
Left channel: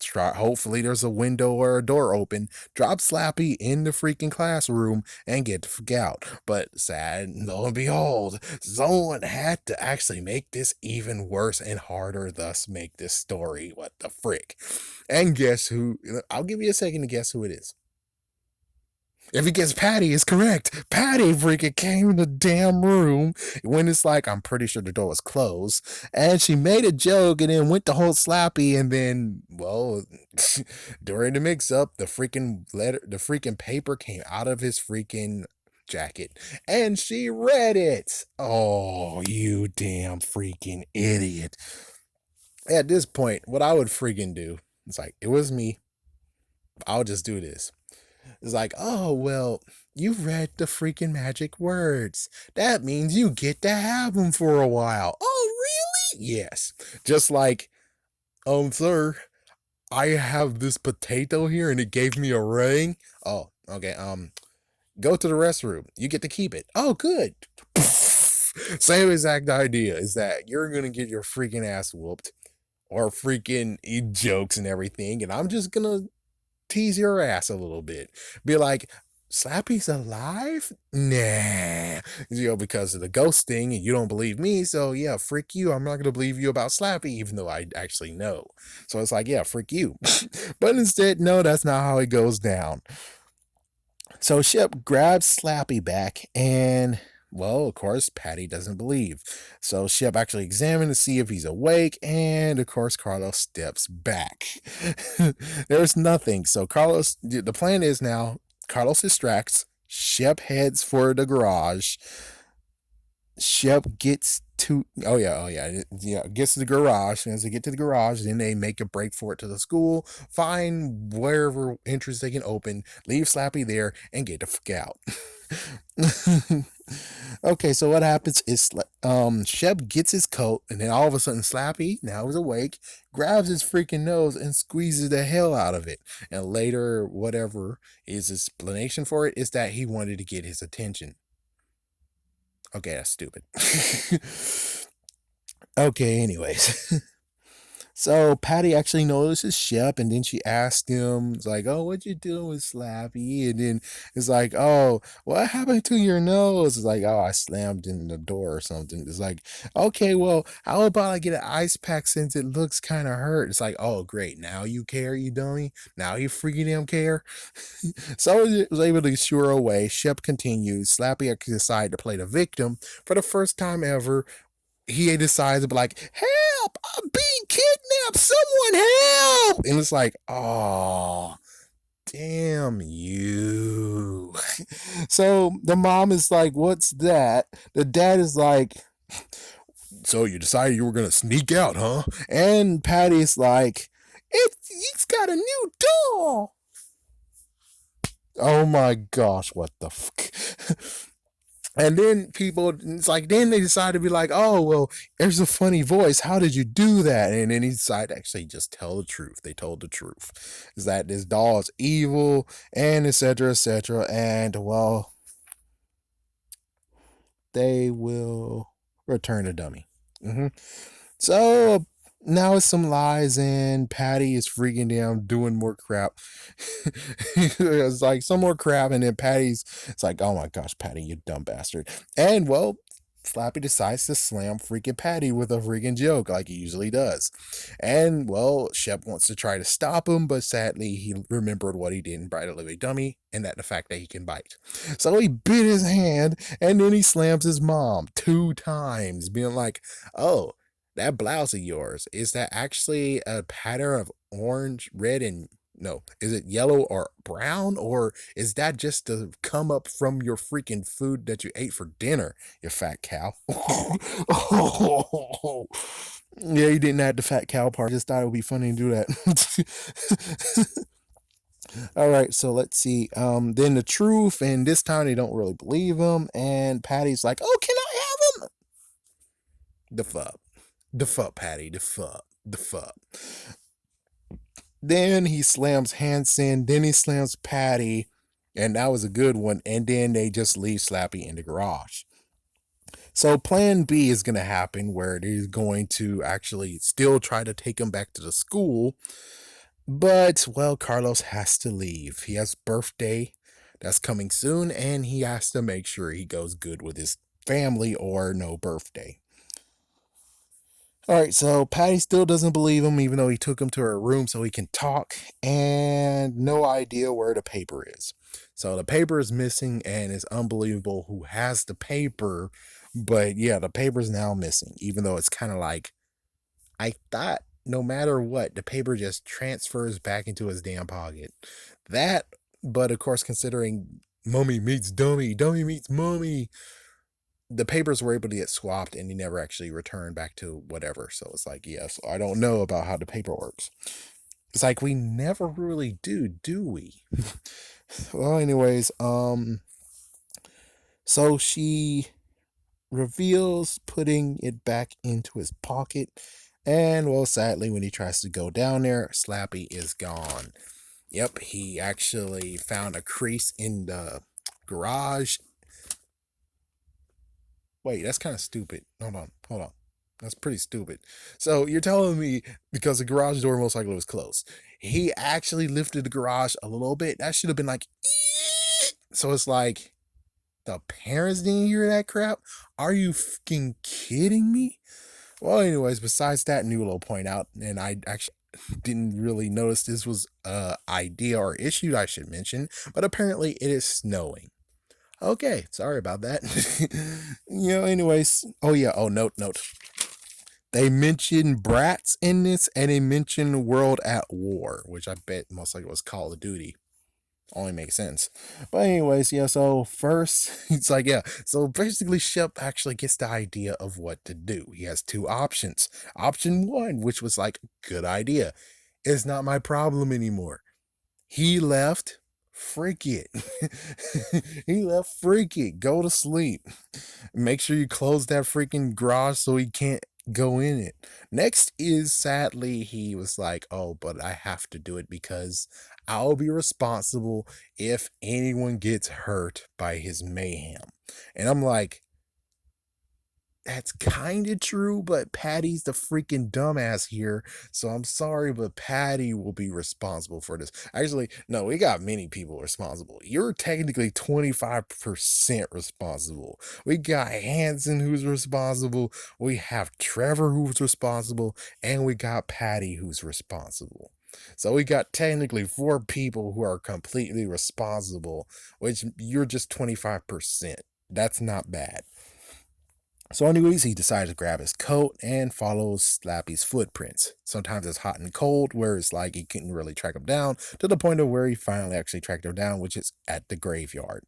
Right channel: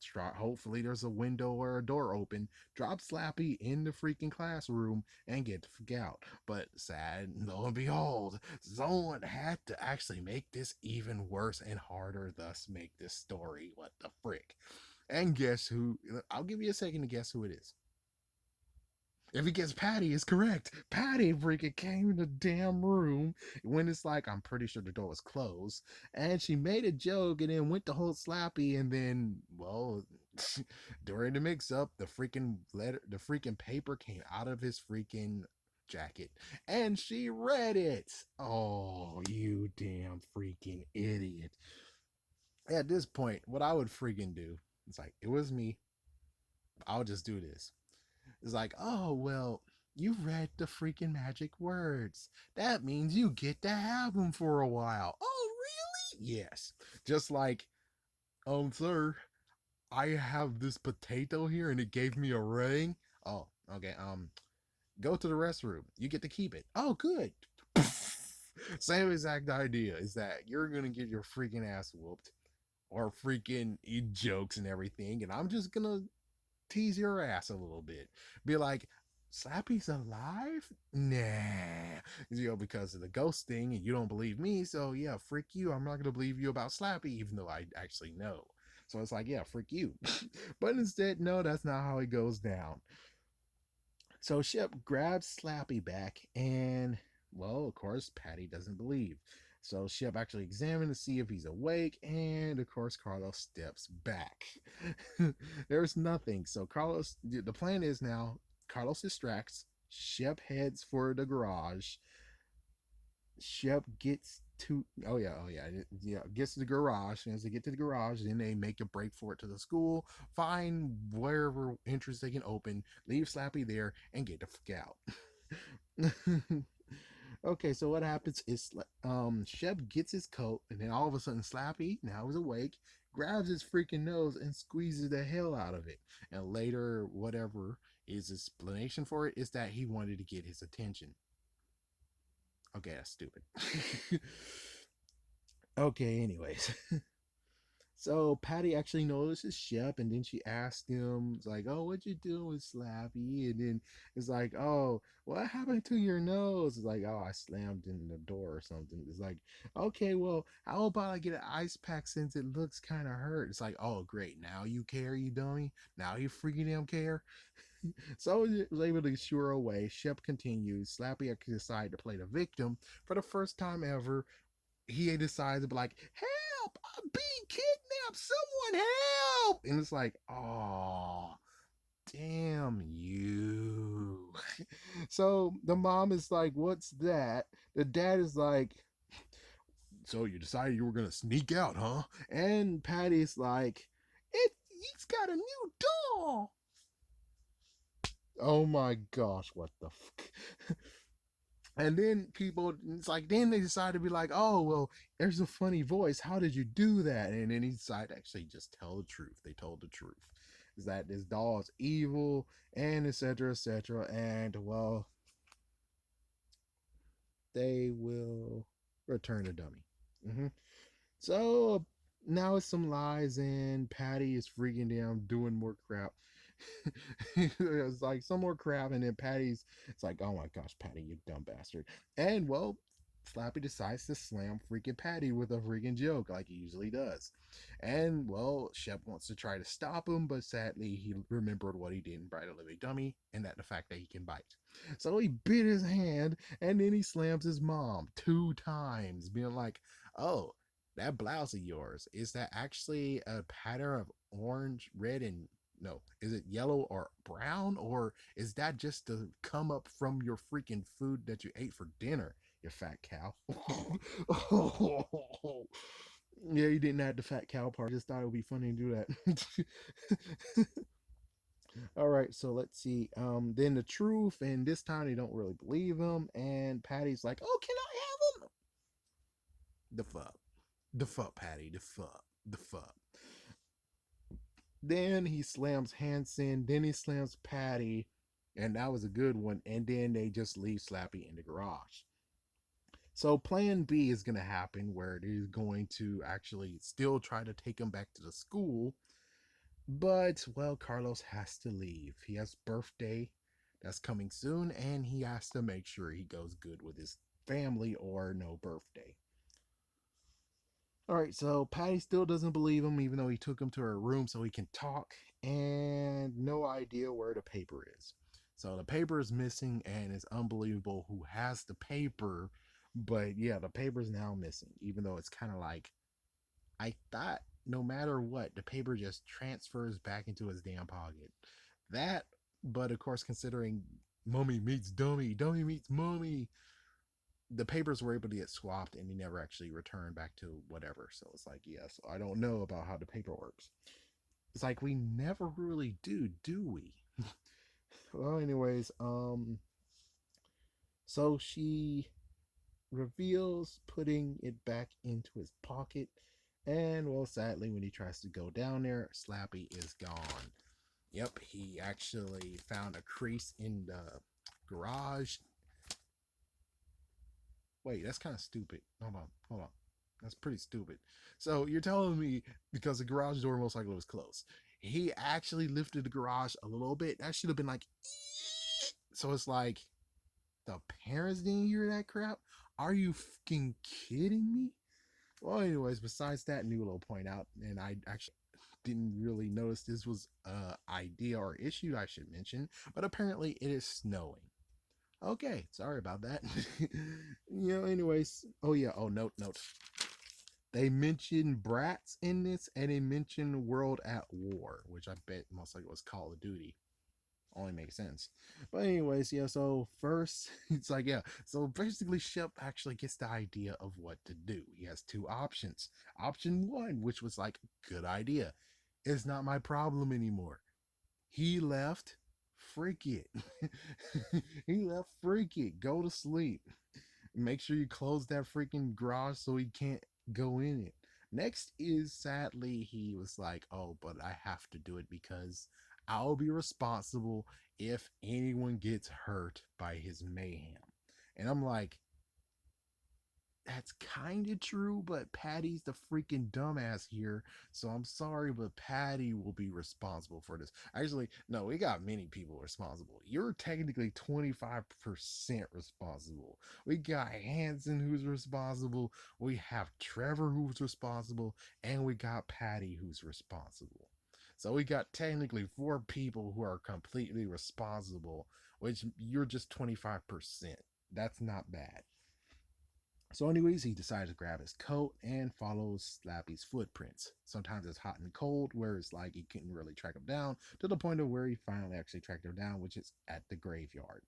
Try, hopefully there's a window or a door open. Drop Slappy in the freaking classroom and get the fuck out. But sad, lo and behold, someone had to actually make this even worse and harder. Thus, make this story what the frick. And guess who? I'll give you a second to guess who it is. If he gets Patty, it's correct. Patty freaking came in the damn room when it's like, I'm pretty sure the door was closed. And she made a joke and then went to hold Slappy. And then, well, during the mix up, the freaking paper came out of his freaking jacket. And she read it. Oh, you damn freaking idiot. At this point, what I would freaking do, it's like, it was me. I'll just do this. It's like, oh, well, you read the freaking magic words. That means you get to have them for a while. Oh, really? Yes. Just like, sir, I have this potato here and it gave me a ring. Oh, okay. Go to the restroom. You get to keep it. Oh, good. Same exact idea is that you're going to get your freaking ass whooped or freaking eat jokes and everything. And I'm just going to tease your ass a little bit. Be like, Slappy's alive? Nah. Because of the ghost thing, and you don't believe me, so yeah, frick you. I'm not gonna believe you about Slappy, even though I actually know. So it's like, yeah, frick you. But instead, no, that's not how it goes down. So Shep grabs Slappy back, and well, of course, Patty doesn't believe. So Shep actually examines to see if he's awake, and of course, Carlos steps back. There's nothing. So the plan is now Carlos distracts. Shep heads for the garage. Shep gets to gets to the garage. And as they get to the garage, then they make a break for it to the school, find wherever entrance they can open, leave Slappy there, and get the fuck out. Okay, so what happens is Shep gets his coat, and then all of a sudden Slappy, now he's awake, grabs his freaking nose and squeezes the hell out of it. And later, whatever his explanation for it is that he wanted to get his attention. Okay, that's stupid. Okay, anyways. So Patty actually notices Shep, and then she asked him, it's like, "Oh, what you doing with Slappy?" And then it's like, "Oh, what happened to your nose?" It's like, "Oh, I slammed in the door or something." It's like, "Okay, well, how about I get an ice pack since it looks kind of hurt?" It's like, "Oh, great, now you care, you dummy. Now you freaking damn care." So he was able to shoo her away. Shep continues. Slappy decided to play the victim for the first time ever. He decides to be like, "Help! I'm being kidnapped! Someone help!" And it's like, oh, damn you. So the mom is like, "What's that?" The dad is like, "So you decided you were going to sneak out, huh?" And Patty's like, It's got a new doll." Oh my gosh, what the fuck? And then it's like, then they decide to be like, "Oh, well, there's a funny voice. How did you do that?" And then he decided to actually just tell the truth. They told the truth. Is that this doll is evil and etc. etc. And well, they will return the dummy. Mm-hmm. So now it's some lies, and Patty is freaking down doing more crap. It's like some more crap, and then it's like, "Oh my gosh, Patty, you dumb bastard." And well, Slappy decides to slam freaking Patty with a freaking joke like he usually does. And well, Shep wants to try to stop him, but sadly he remembered what he did in Bride of Living Dummy, and that the fact that he can bite. So he bit his hand, and then he slams his mom 2 times, being like, "Oh, that blouse of yours, is that actually a pattern of orange, red, and no, is it yellow or brown? Or is that just to come up from your freaking food that you ate for dinner, you fat cow?" Yeah, he didn't add the fat cow part. I just thought it would be funny to do that. All right, so let's see. Then the truth, and this time they don't really believe him. And Patty's like, "Oh, can I have him?" The fuck. The fuck, Patty. The fuck. The fuck. Then he slams Hanson. Then he slams Patty. And that was a good one. And then they just leave Slappy in the garage. So plan B is going to happen where they're going to actually still try to take him back to the school. But, well, Carlos has to leave. He has birthday that's coming soon. And he has to make sure he goes good with his family or no birthday. All right, so Patty still doesn't believe him, even though he took him to her room so he can talk, and no idea where the paper is. So the paper is missing, and it's unbelievable who has the paper. But yeah, the paper's now missing, even though it's kind of like, I thought no matter what, the paper just transfers back into his damn pocket. That, but of course, considering mummy meets dummy, dummy meets mummy, the papers were able to get swapped and he never actually returned back to whatever. So it's like, yes, I don't know about how the paper works. It's like we never really do we? Well, anyways, so she reveals putting it back into his pocket. And well, sadly, when he tries to go down there, Slappy is gone. Yep, he actually found a crease in the garage. Wait, that's kind of stupid. Hold on. That's pretty stupid. So you're telling me because the garage door most likely was closed, he actually lifted the garage a little bit. That should have been like, "Eek." So it's like the parents didn't hear that crap. Are you fucking kidding me? Well, anyways, besides that new little point out, and I actually didn't really notice this was a idea or issue I should mention, but apparently it is snowing. Okay, sorry about that. Anyways. Oh yeah, note. They mention brats in this and they mention World at War, which I bet most likely was Call of Duty. Only makes sense. But anyways, yeah, so first it's like, yeah. So basically Shep actually gets the idea of what to do. He has two options. Option one, which was like, good idea. It's not my problem anymore. He left. Freak it. He left. Freak it. Go to sleep. Make sure you close that freaking garage so he can't go in it. Next is sadly, he was like, oh, but I have to do it because I'll be responsible if anyone gets hurt by his mayhem. And I'm like, that's kind of true, but Patty's the freaking dumbass here. So I'm sorry, but Patty will be responsible for this. Actually, no, we got many people responsible. You're technically 25% responsible. We got Hanson who's responsible. We have Trevor who's responsible. And we got Patty who's responsible. So we got technically four people who are completely responsible, which you're just 25%. That's not bad. So, anyways, he decides to grab his coat and follows Slappy's footprints. Sometimes it's hot and cold, where it's like he couldn't really track him down, to the point of where he finally actually tracked him down, which is at the graveyard.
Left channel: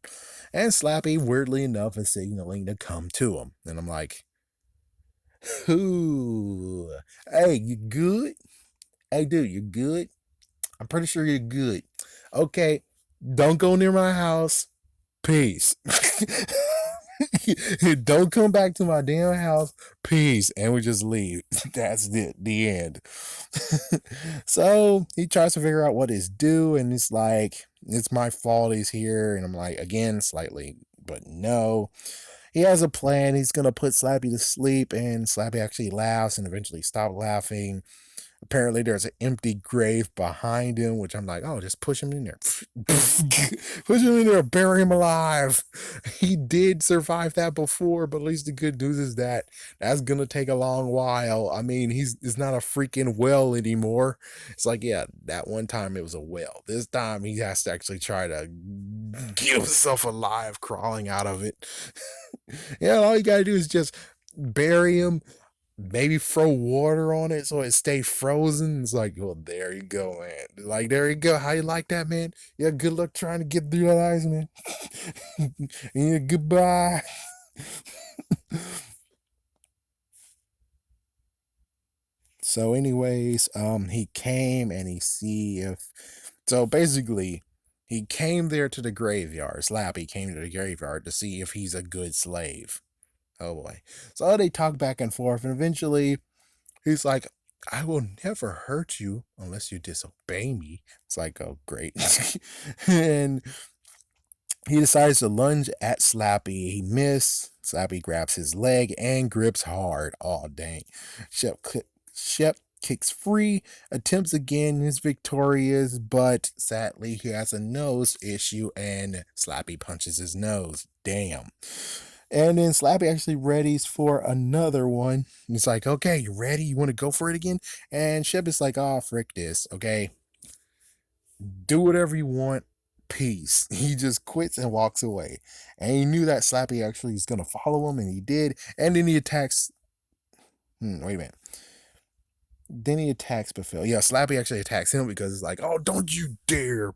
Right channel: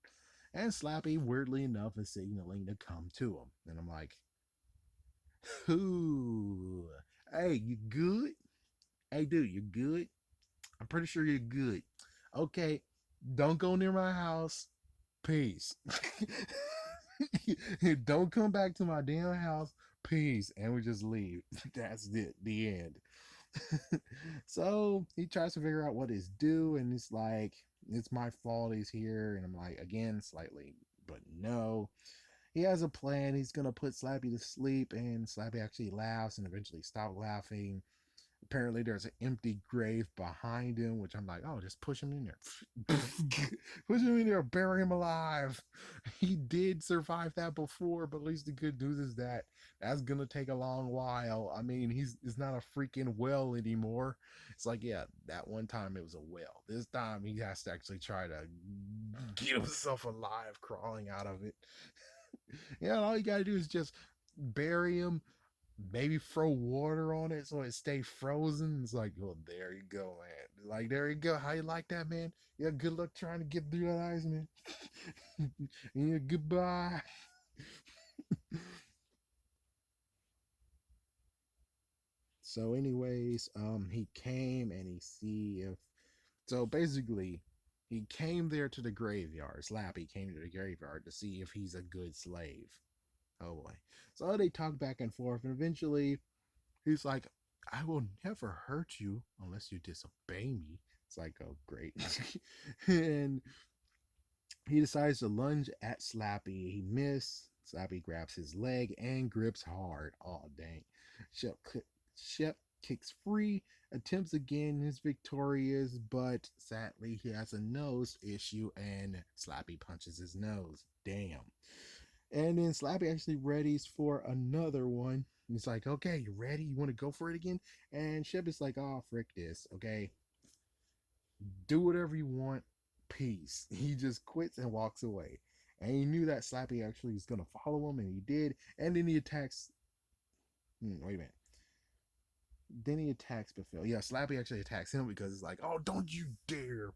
And Slappy, weirdly enough, is signaling to come to him. And I'm like, "Ooh, hey, you good? Hey, dude, you good? I'm pretty sure you're good. Okay, don't go near my house. Peace." Don't come back to my damn house. Peace. And we just leave. That's it. The end. So he tries to figure out what is due, and it's like, it's my fault he's here. And I'm like, again, slightly, but no. He has a plan. He's going to put Slappy to sleep, and Slappy actually laughs and eventually stops laughing. Apparently, there's an empty grave behind him, which I'm like, oh, just push him in there. Push him in there, bury him alive. He did survive that before, but at least the good news is that that's gonna take a long while. I mean, it's not a freaking well anymore. It's like, yeah, that one time it was a well. This time he has to actually try to get himself alive, crawling out of it. Yeah, all you gotta do is just bury him, maybe throw water on it so it stay frozen. It's like, well, there you go, man. Like, there you go. How you like that, man? Yeah, good luck trying to get through your eyes, man. Yeah, goodbye. So, anyways, he came and he see if so basically he came there to the graveyard. Slappy came to the graveyard to see if he's a good slave. Oh boy. So they talk back and forth, and eventually he's like, I will never hurt you unless you disobey me. It's like, oh, great. And he decides to lunge at Slappy. He missed. Slappy grabs his leg and grips hard. Oh, dang. Shep, Shep kicks free, attempts again, is victorious, but sadly, he has a nose issue and Slappy punches his nose. Damn. And then Slappy actually readies for another one. He's like, okay, you ready? You want to go for it again? And Shep is like, oh, frick this. Okay, do whatever you want. Peace. He just quits and walks away. And he knew that Slappy actually was going to follow him, and he did. And then he attacks. Wait a minute. Then he attacks Befil. Yeah, Slappy actually attacks him because it's like, oh, don't you dare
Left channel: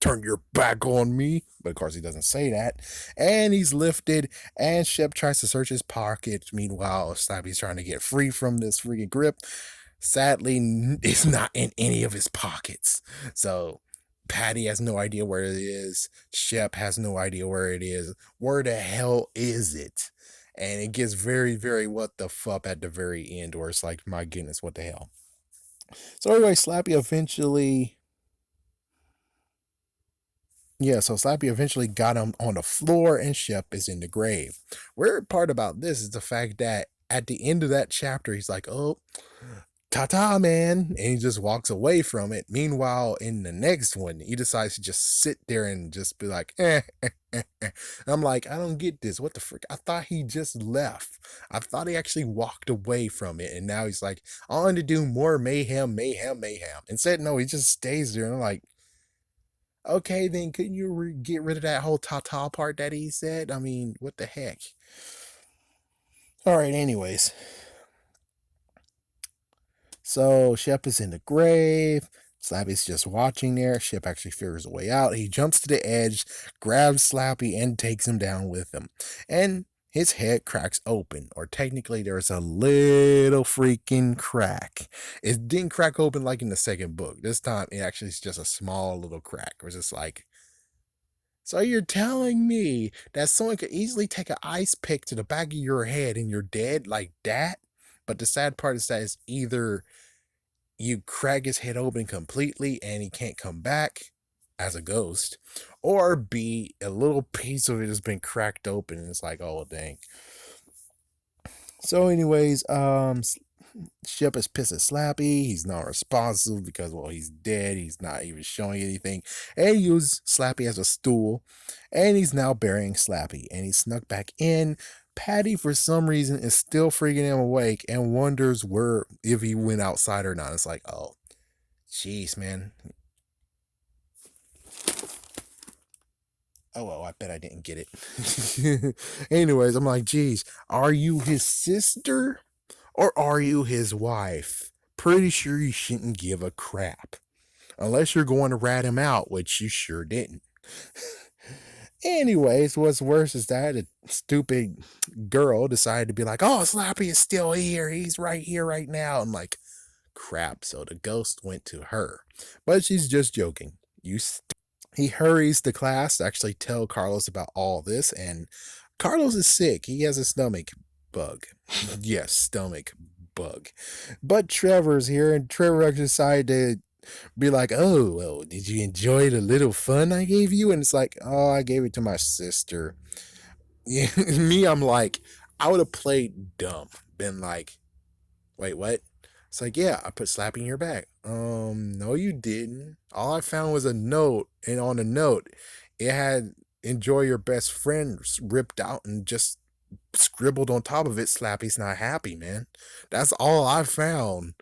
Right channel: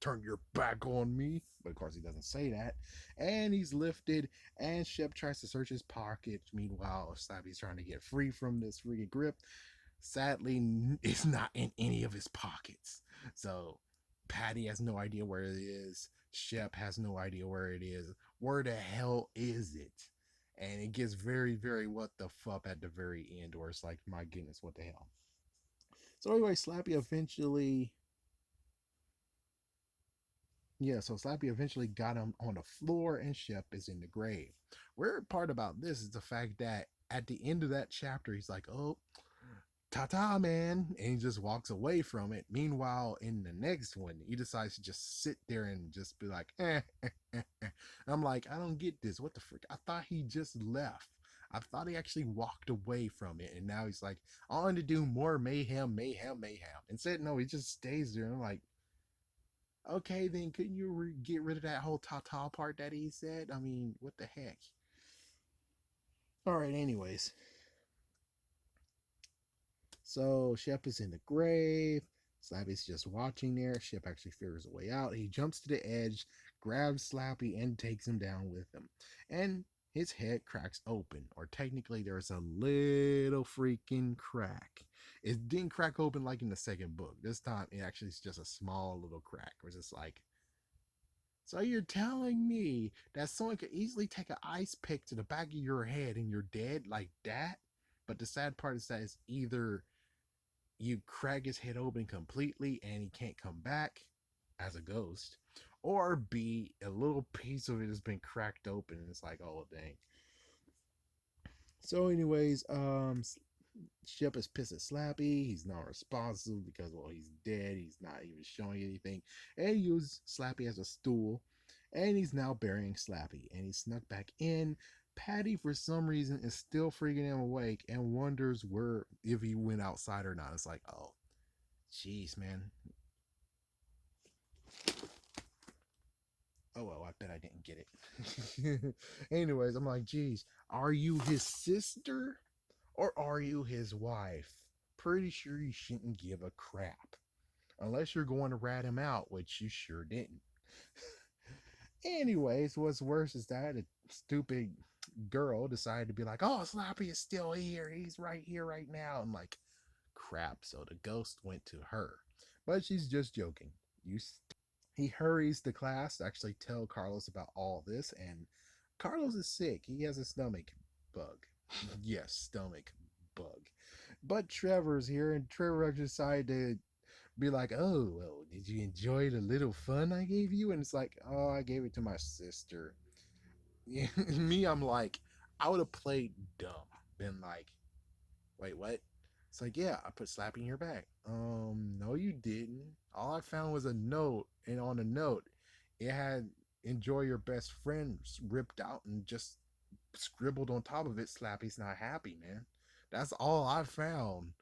turn your back on me. But of course, he doesn't say that. And he's lifted, and Shep tries to search his pockets. Meanwhile, Slappy's trying to get free from this freaking grip. Sadly, it's not in any of his pockets. So Patty has no idea where it is. Shep has no idea where it is. Where the hell is it? And it gets very, very what the fuck at the very end, where it's like, my goodness, what the hell? So anyway, Slappy eventually, yeah, so Slappy eventually got him on the floor, and Shep is in the grave. Weird part about this is the fact that at the end of that chapter, he's like, oh, ta-ta, man, and he just walks away from it. Meanwhile, in the next one, he decides to just sit there and just be like, I'm like, I don't get this. What the frick? I thought he just left. I thought he actually walked away from it, and now he's like, I want to do more mayhem, mayhem, mayhem. Instead, no, he just stays there, and I'm like, okay, then couldn't you get rid of that whole ta-ta part that he said? I mean, what the heck? All right, anyways. So Shep is in the grave. Slappy's just watching there. Shep actually figures a way out. He jumps to the edge, grabs Slappy, and takes him down with him. And his head cracks open, or technically, there's a little freaking crack. It didn't crack open like in the second book. This time, it actually is just a small little crack. It was just like, so you're telling me that someone could easily take an ice pick to the back of your head and you're dead like that? But the sad part is that it's either you crack his head open completely and he can't come back as a ghost, or B, a little piece of it has been cracked open and it's like, oh dang. So, anyways, Shep is pissed at Slappy. He's not responsive because, well, he's dead. He's not even showing anything. And he used Slappy as a stool. And he's now burying Slappy. And he snuck back in. Patty, for some reason, is still freaking him awake and wonders where if he went outside or not. It's like, oh, jeez, man. Oh, well, I bet I didn't get it. Anyways, I'm like, geez, are you his sister or are you his wife? Pretty sure you shouldn't give a crap. Unless you're going to rat him out, which you sure didn't. Anyways, what's worse is that a stupid girl decided to be like, oh, Slappy is still here. He's right here right now. I'm like, crap. So the ghost went to her. But she's just joking. He hurries to class to actually tell Carlos about all this, and Carlos is sick. He has a stomach bug. Yes, stomach bug. But Trevor's here, and Trevor actually decided to be like, oh, well, did you enjoy the little fun I gave you? And it's like, oh, I gave it to my sister. Yeah, me, I'm like, I would have played dumb, been like, wait, what? It's like, yeah, I put Slappy in your back. No, you didn't. All I found was a note, and on the note, it had enjoy your best friend ripped out and just scribbled on top of it, Slappy's not happy, man. That's all I found.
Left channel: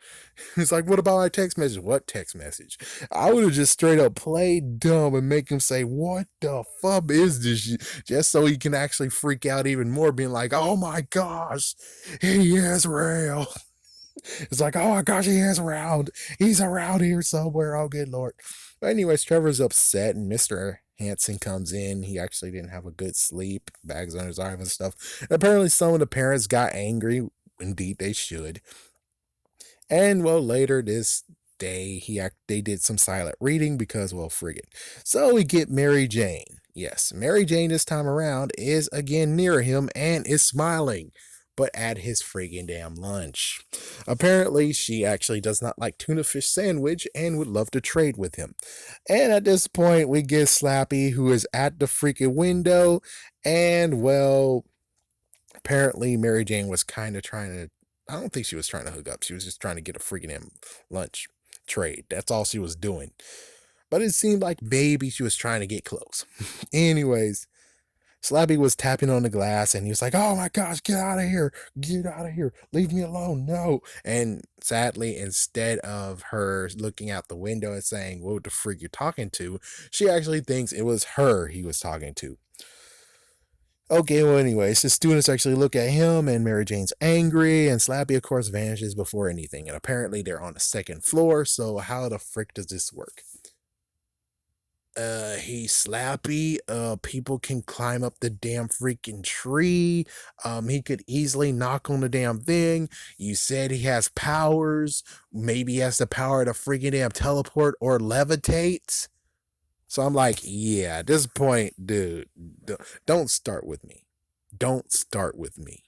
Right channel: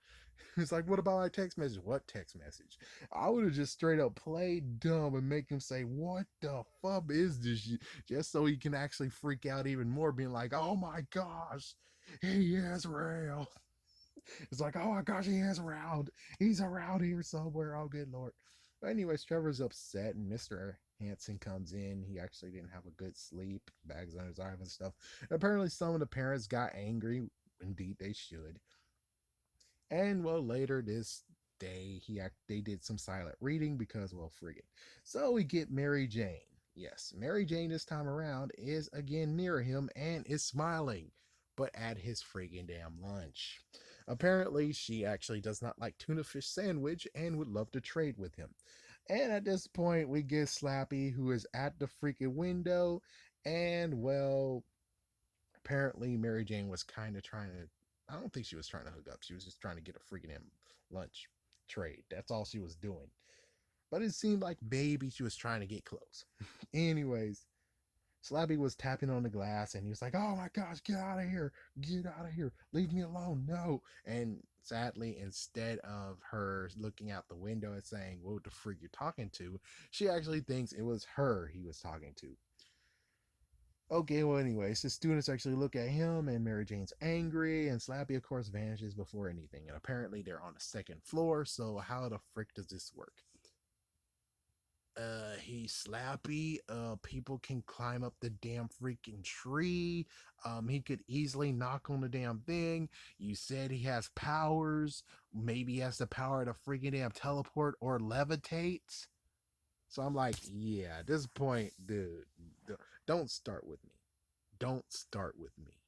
It's like, what about my text message? What text message? I would have just straight up played dumb and make him say, what the fuck is this shit? Just so he can actually freak out even more, being like, oh my gosh, he is real. It's like, oh my gosh, he is around. He's around here somewhere. Oh, good lord. But anyways, Trevor's upset, and Mr. Hanson comes in. He actually didn't have a good sleep, bags on his arm and stuff. And apparently, some of the parents got angry. Indeed, they should. And well, later this day, they did some silent reading because, well, frig it. So we get Mary Jane. Yes, Mary Jane this time around is again near him and is smiling, but at his friggin' damn lunch. Apparently, she actually does not like tuna fish sandwich and would love to trade with him. And at this point, we get Slappy, who is at the freaking window, and well, apparently Mary Jane was kind of trying to. I don't think she was trying to hook up. She was just trying to get a freaking lunch trade. That's all she was doing. But it seemed like maybe she was trying to get close. Anyways, Slappy was tapping on the glass and he was like, "Oh my gosh, get out of here! Get out of here! Leave me alone! No!" And sadly, instead of her looking out the window and saying, "What the freak you're talking to?" she actually thinks it was her he was talking to. Okay, well, anyways, the students actually look at him, and Mary Jane's angry, and Slappy, of course, vanishes before anything. And apparently, they're on the second floor, so how the frick does this work? He's Slappy. People can climb up the damn freaking tree. He could easily knock on the damn thing. You said he has powers. Maybe he has the power to freaking damn teleport or levitate. So I'm like, yeah, at this point, dude, don't start with me. Don't start with me.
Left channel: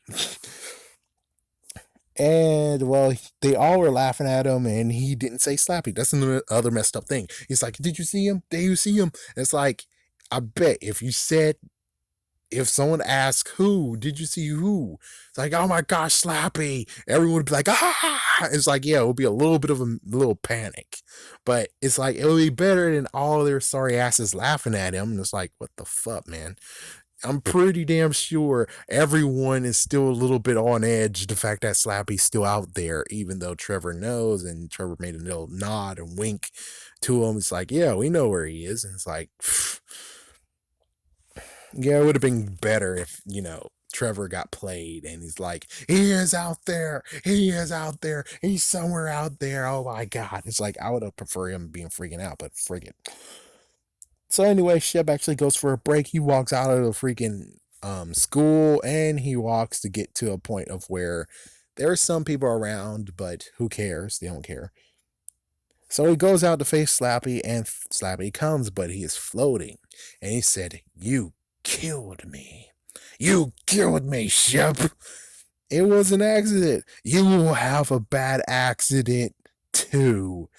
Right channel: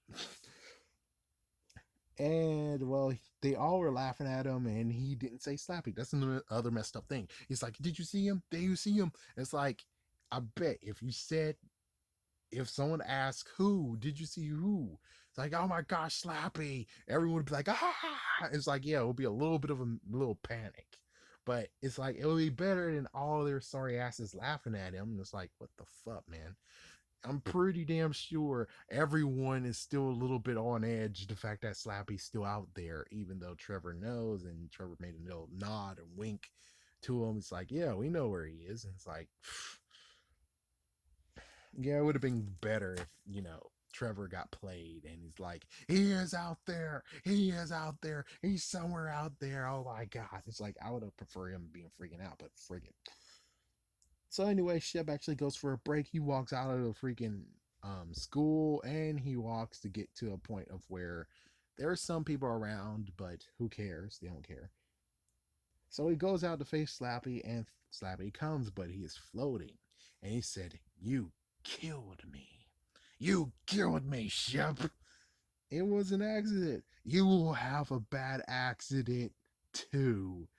And well, they all were laughing at him, and he didn't say Slappy. That's another other messed up thing. He's like, "Did you see him? Did you see him?" It's like, I bet if you said, if someone asked who, did you see who? It's like, oh my gosh, Slappy. Everyone would be like, ah. It's like, yeah, it would be a little bit of a little panic, but it's like it would be better than all their sorry asses laughing at him. And it's like, what the fuck, man? I'm pretty damn sure everyone is still a little bit on edge. The fact that Slappy's still out there, even though Trevor knows, and Trevor made a little nod and wink to him. It's like, yeah, we know where he is. And it's like, yeah, it would have been better if, Trevor got played and he's like, he is out there. He is out there. He's somewhere out there. Oh my God. It's like, I would have preferred him being freaking out, but friggin'. So anyway, Shep actually goes for a break. He walks out of the freaking school, and he walks to get to a point of where there are some people around, but who cares? They don't care. So he goes out to face Slappy, and Slappy comes, but he is floating. And he said, "You killed me. You killed me, Shep. It was an accident. You will have a bad accident too."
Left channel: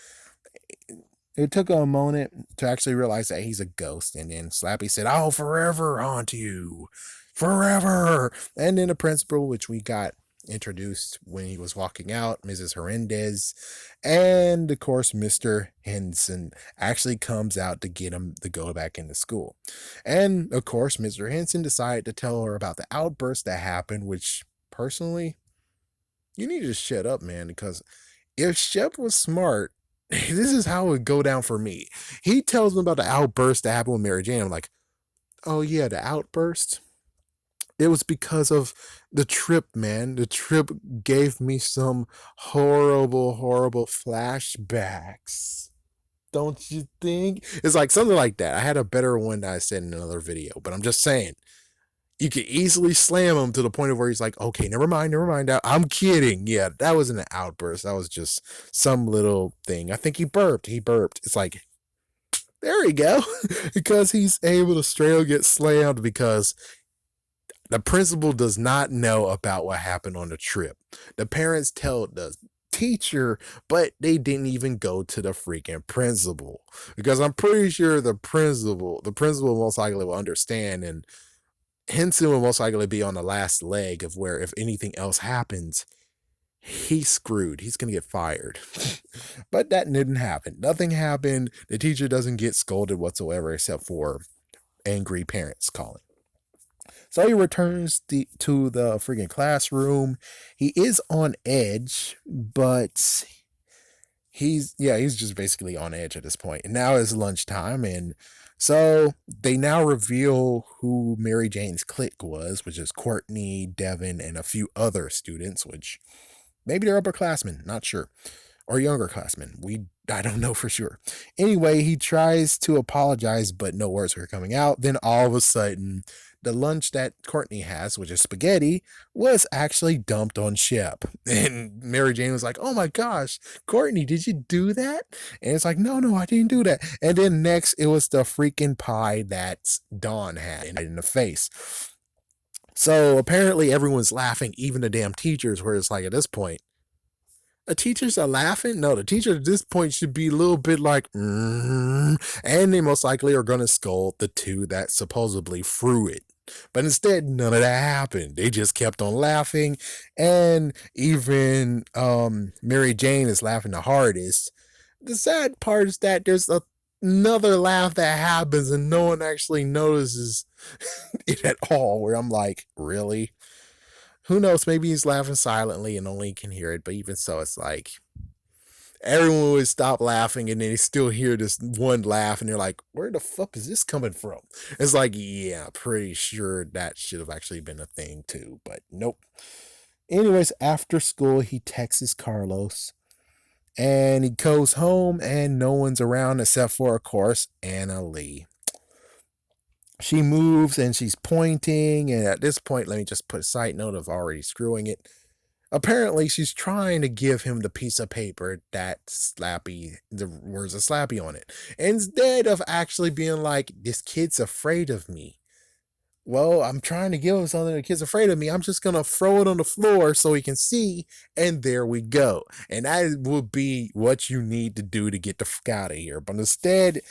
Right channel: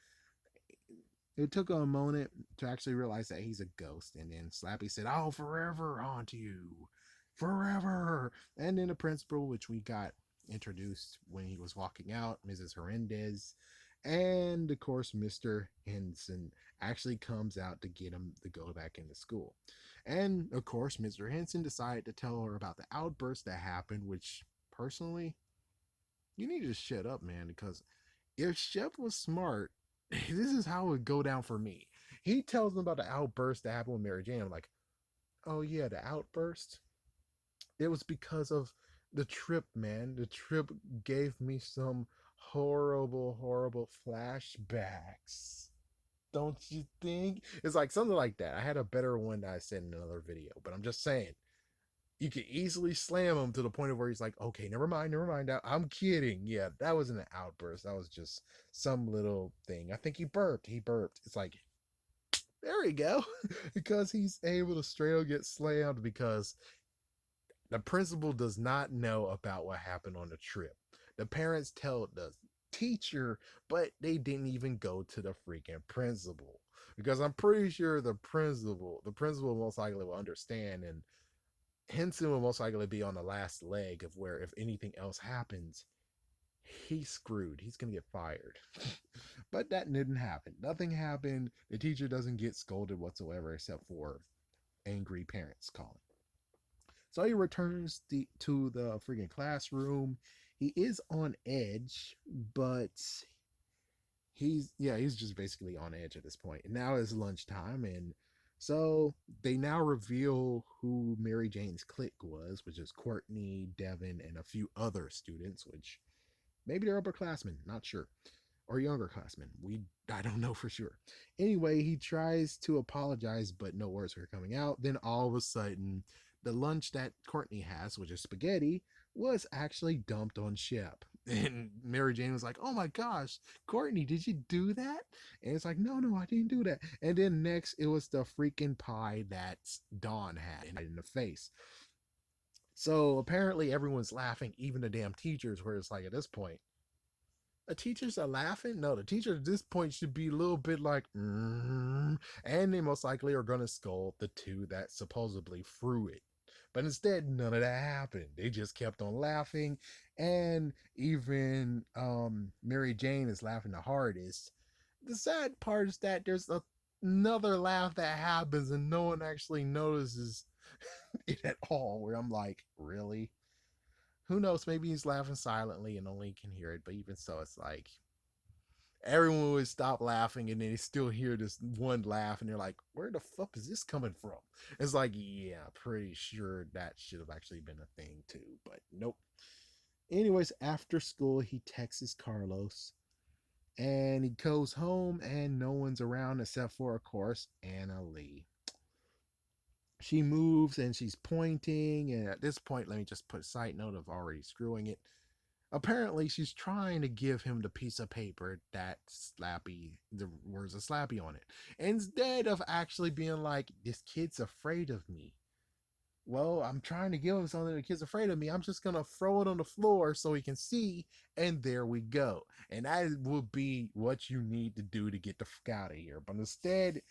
It took a moment to actually realize that he's a ghost, and then Slappy said, "I'll forever haunt you. Forever." And then the principal, which we got introduced when he was walking out, Mrs. Hernandez, and of course, Mr. Henson actually comes out to get him to go back into school. And of course, Mr. Henson decided to tell her about the outburst that happened, which personally, you need to shut up, man, because if Shep was smart, this is how it would go down for me. He tells me about the outburst that happened with Mary Jane. I'm like, oh yeah, the outburst. It was because of the trip, man. The trip gave me some horrible, horrible flashbacks. Don't you think? It's like something like that. I had a better one that I said in another video, but I'm just saying you could easily slam him to the point of where he's like, okay, never mind, never mind. I'm kidding. Yeah, that wasn't an outburst. That was just some little thing. I think he burped. He burped. It's like, there we go. Because he's able to straight up get slammed because the principal does not know about what happened on the trip. The parents tell the teacher, but they didn't even go to the freaking principal. Because I'm pretty sure the principal most likely will understand, and Henson will most likely be on the last leg of where if anything else happens, he's screwed. He's gonna get fired. But that didn't happen. Nothing happened. The teacher doesn't get scolded whatsoever except for angry parents calling. So he returns to the freaking classroom. He is on edge, but he's just basically on edge at this point. And now it's lunchtime, and so they now reveal who Mary Jane's clique was, which is Courtney, Devin, and a few other students, which maybe they're upperclassmen, not sure, or younger classmen. I don't know for sure. Anyway, he tries to apologize, but no words are coming out. Then all of a sudden, the lunch that Courtney has, which is spaghetti, was actually dumped on Shep. And Mary Jane was like, "Oh my gosh, Courtney, did you do that?" And it's like, "No, no, I didn't do that." And then next, it was the freaking pie that Dawn had in the face. So apparently, everyone's laughing, even the damn teachers, where it's like, at this point, the teachers are laughing. No, the teacher at this point should be a little bit like, and they most likely are going to scold the two that supposedly threw it. But instead, none of that happened. They just kept on laughing, and even Mary Jane is laughing the hardest. The sad part is that there's another laugh that happens and no one actually notices it at all. Where I'm like, really? Who knows? Maybe he's laughing silently and only can hear it. But even so, it's like everyone would stop laughing and then they still hear this one laugh and they're like, where the fuck is this coming from? It's like, yeah, pretty sure that should have actually been a thing too, but nope. Anyways, after school, he texts Carlos and he goes home and no one's around except for, of course, Anna Lee. She moves and she's pointing, and at this point, let me just put a side note of already screwing it. Apparently, she's trying to give him the piece of paper that Slappy, the words of Slappy on it, instead of actually being like, this kid's afraid of me. Well, I'm trying to give him something the kid's afraid of me. I'm just gonna throw it on the floor so he can see, and there we go. And that would be what you need to do to get the fuck out of here. But instead,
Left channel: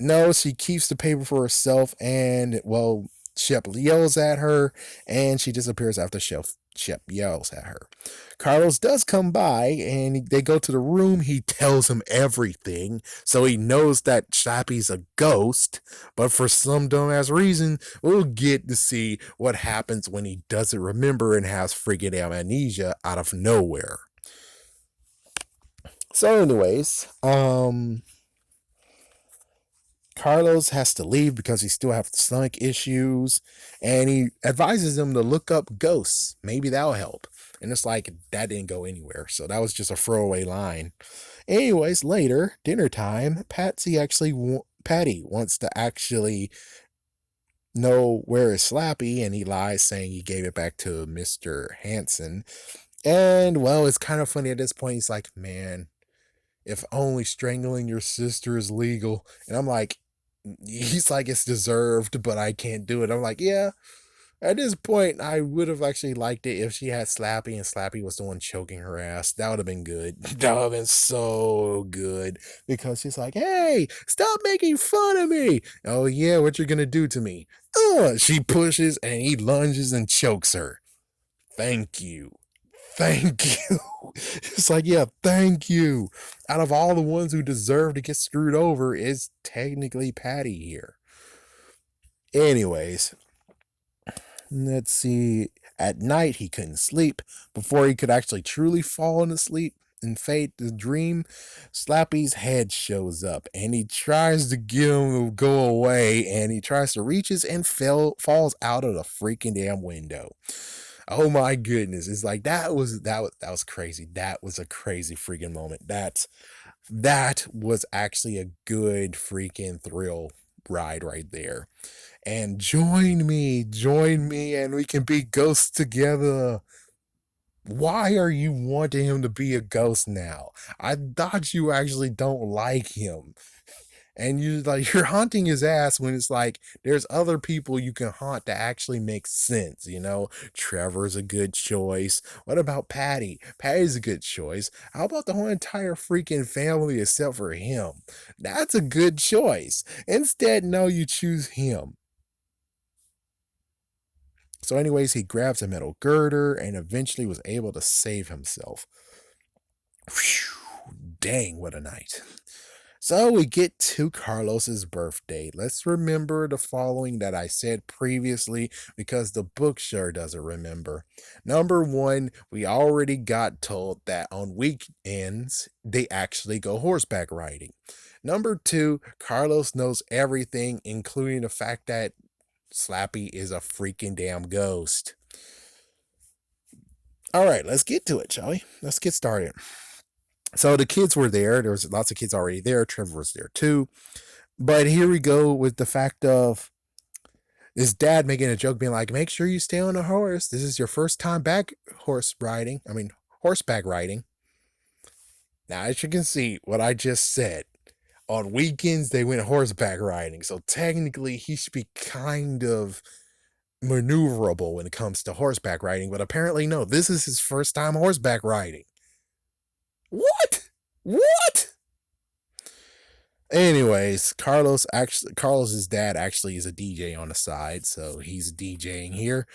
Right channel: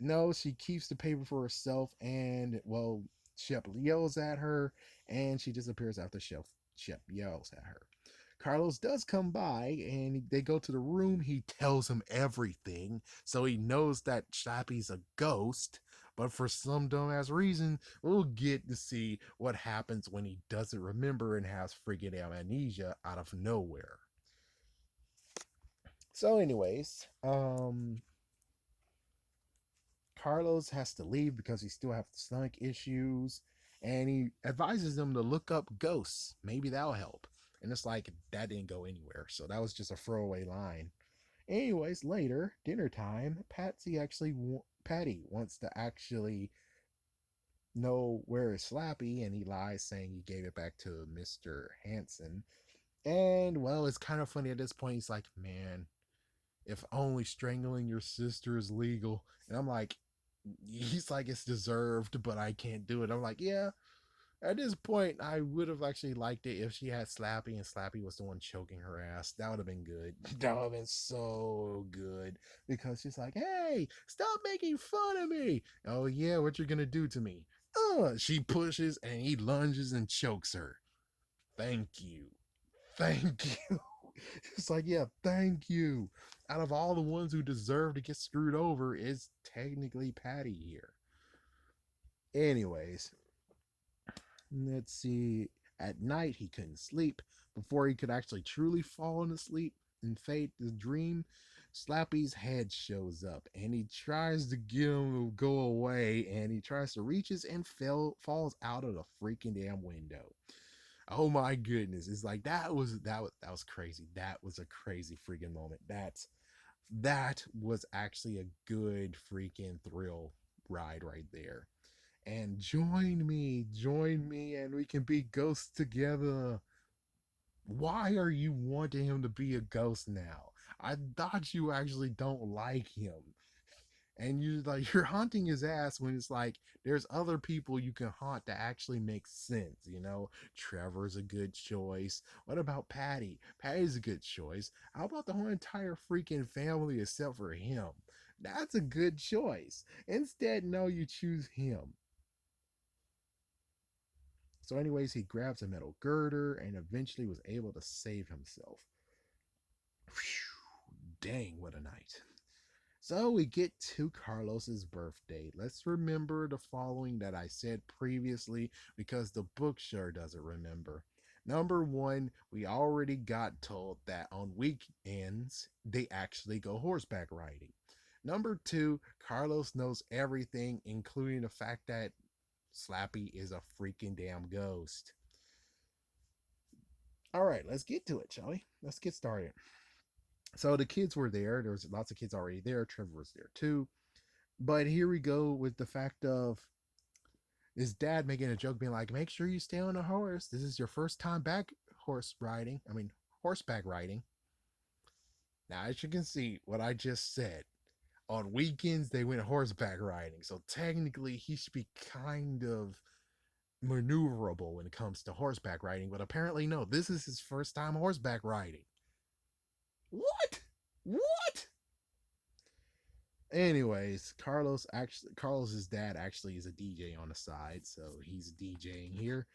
no, she keeps the paper for herself, and well, Shep yells at her, and she disappears after Shep yells at her. Carlos does come by, and they go to the room. He tells him everything, so he knows that Slappy's a ghost. But for some dumbass reason, we'll get to see what happens when he doesn't remember and has freaking amnesia out of nowhere. So, anyways, Carlos has to leave because he still has stomach issues, and he advises him to look up ghosts. Maybe that'll help. And it's like that didn't go anywhere, so that was just a throwaway line. Anyways, later dinner time, Patty wants to actually know where is Slappy, and he lies saying he gave it back to Mr. Hanson. And well, it's kind of funny at this point. He's like, "Man, if only strangling your sister is legal." And I'm like, he's like, it's deserved, but I can't do it. I'm like, yeah. At this point, I would have actually liked it if she had Slappy and Slappy was the one choking her ass. That would have been good. That would have been so good. Because she's like, hey, stop making fun of me. Oh, yeah, what you're going to do to me? She pushes and he lunges and chokes her. Thank you. Thank you. It's like, yeah, thank you. Out of all the ones who deserve to get screwed over, is technically Patty here. Anyways, let's see. At night, he couldn't sleep. Before he could actually truly fall into sleep and fade the dream, Slappy's head shows up and he tries to get him to go away, and he tries to reaches and falls out of the freaking damn window. Oh my goodness. It's like that was crazy. That was a crazy freaking moment. That was actually a good freaking thrill ride right there. And join me, and we can be ghosts together. Why are you wanting him to be a ghost now? I thought you actually don't like him. And you're haunting his ass when it's like there's other people you can haunt that actually makes sense, you know. Trevor's a good choice. What about Patty? Patty's a good choice. How about the whole entire freaking family except for him? That's a good choice. Instead, no, you choose him. So, anyways, he grabs a metal girder and eventually was able to save himself. Whew, dang, what a night. So we get to Carlos's birthday. Let's remember the following that I said previously because the book sure doesn't remember. Number one, we already got told that on weekends they actually go horseback riding. Number two, Carlos knows everything, including the fact that Slappy is a freaking damn ghost. All right, let's get to it, shall we? Let's get started. So the kids were there. There was lots of kids already there. Trevor was there too. But here we go with the fact of his dad making a joke, being like, "Make sure you stay on a horse. This is your first time back horse riding. I mean, horseback riding." Now, as you can see, what I just said, on weekends they went horseback riding. So technically, he should be kind of maneuverable when it comes to horseback riding. But apparently, no. This is his first time horseback riding. What? What? Anyways, Carlos's dad actually is a DJ on the side, so he's DJing here.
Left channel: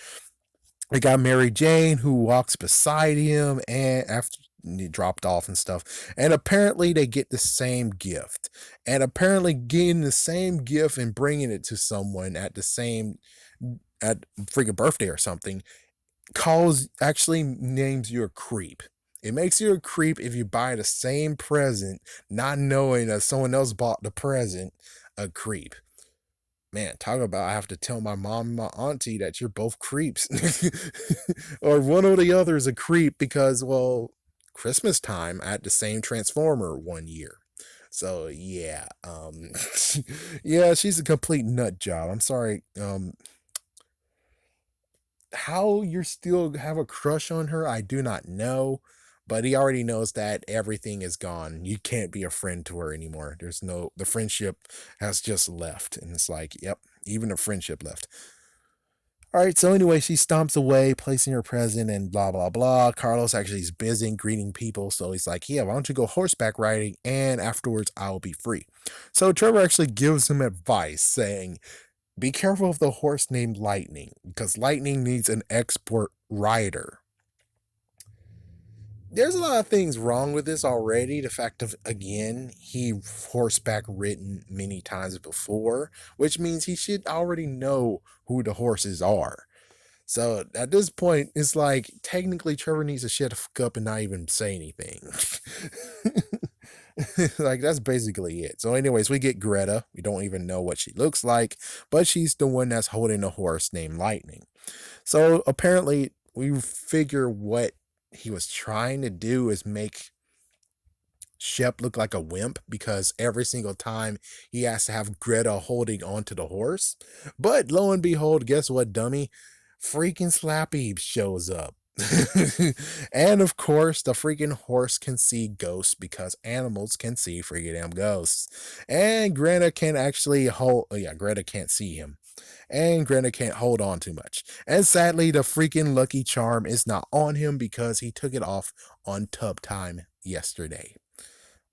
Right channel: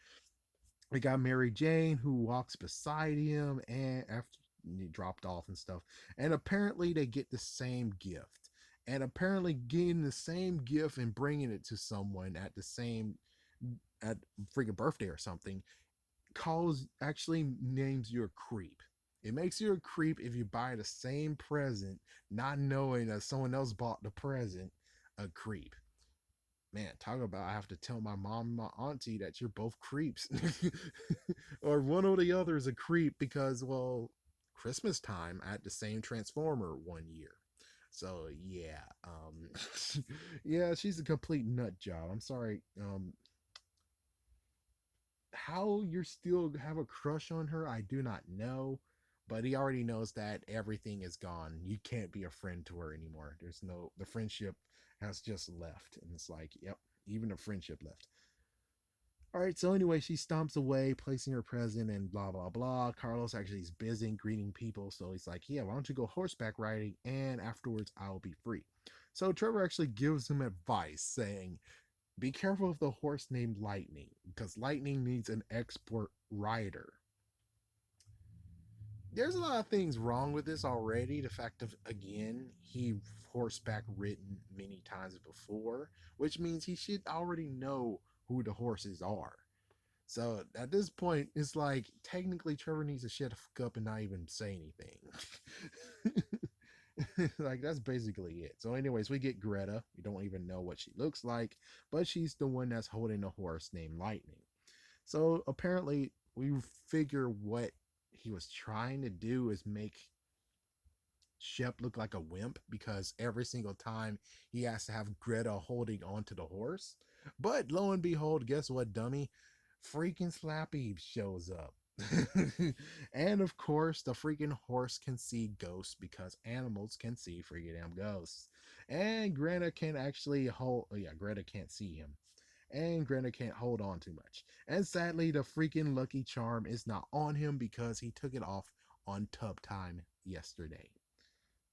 We got Mary Jane who walks beside him and after he dropped off and stuff. And apparently they get the same gift. and apparently getting the same gift and bringing it to someone at the same at freaking birthday or something calls actually names you a creep. It makes you a creep if you buy the same present, not knowing that someone else bought the present. A creep. Man, talk about I have to tell my mom and my auntie that you're both creeps. Or one or the other is a creep because, well, Christmas time I had the same Transformer one year. So yeah, yeah, she's a complete nut job. I'm sorry. How you still have a crush on her, I do not know. But he already knows that everything is gone. You can't be a friend to her anymore. The friendship has just left. And it's like, yep, even the friendship left. All right, so anyway, she stomps away, placing her present and blah, blah, blah. Carlos actually is busy greeting people. So he's like, yeah, why don't you go horseback riding? And afterwards, I'll be free. So Trevor actually gives him advice saying, be careful of the horse named Lightning, because Lightning needs an expert rider. There's a lot of things wrong with this already. The fact of, again, he horseback ridden many times before, which means he should already know who the horses are. So at this point, it's like technically Trevor needs to shut the fuck up and not even say anything. Like that's basically it. So, anyways, we get Greta. We don't even know what she looks like, but she's the one that's holding a horse named Lightning. So apparently, we figure what he was trying to do is make Shep look like a wimp because every single time he has to have Greta holding onto the horse. But lo and behold, guess what, dummy? Freaking Slappy shows up. And of course, the freaking horse can see ghosts because animals can see freaking damn ghosts. And Greta can actually hold, oh yeah, Greta can't see him. And Greta can't hold on too much. And sadly, the freaking Lucky Charm is not on him because he took it off on tub time yesterday.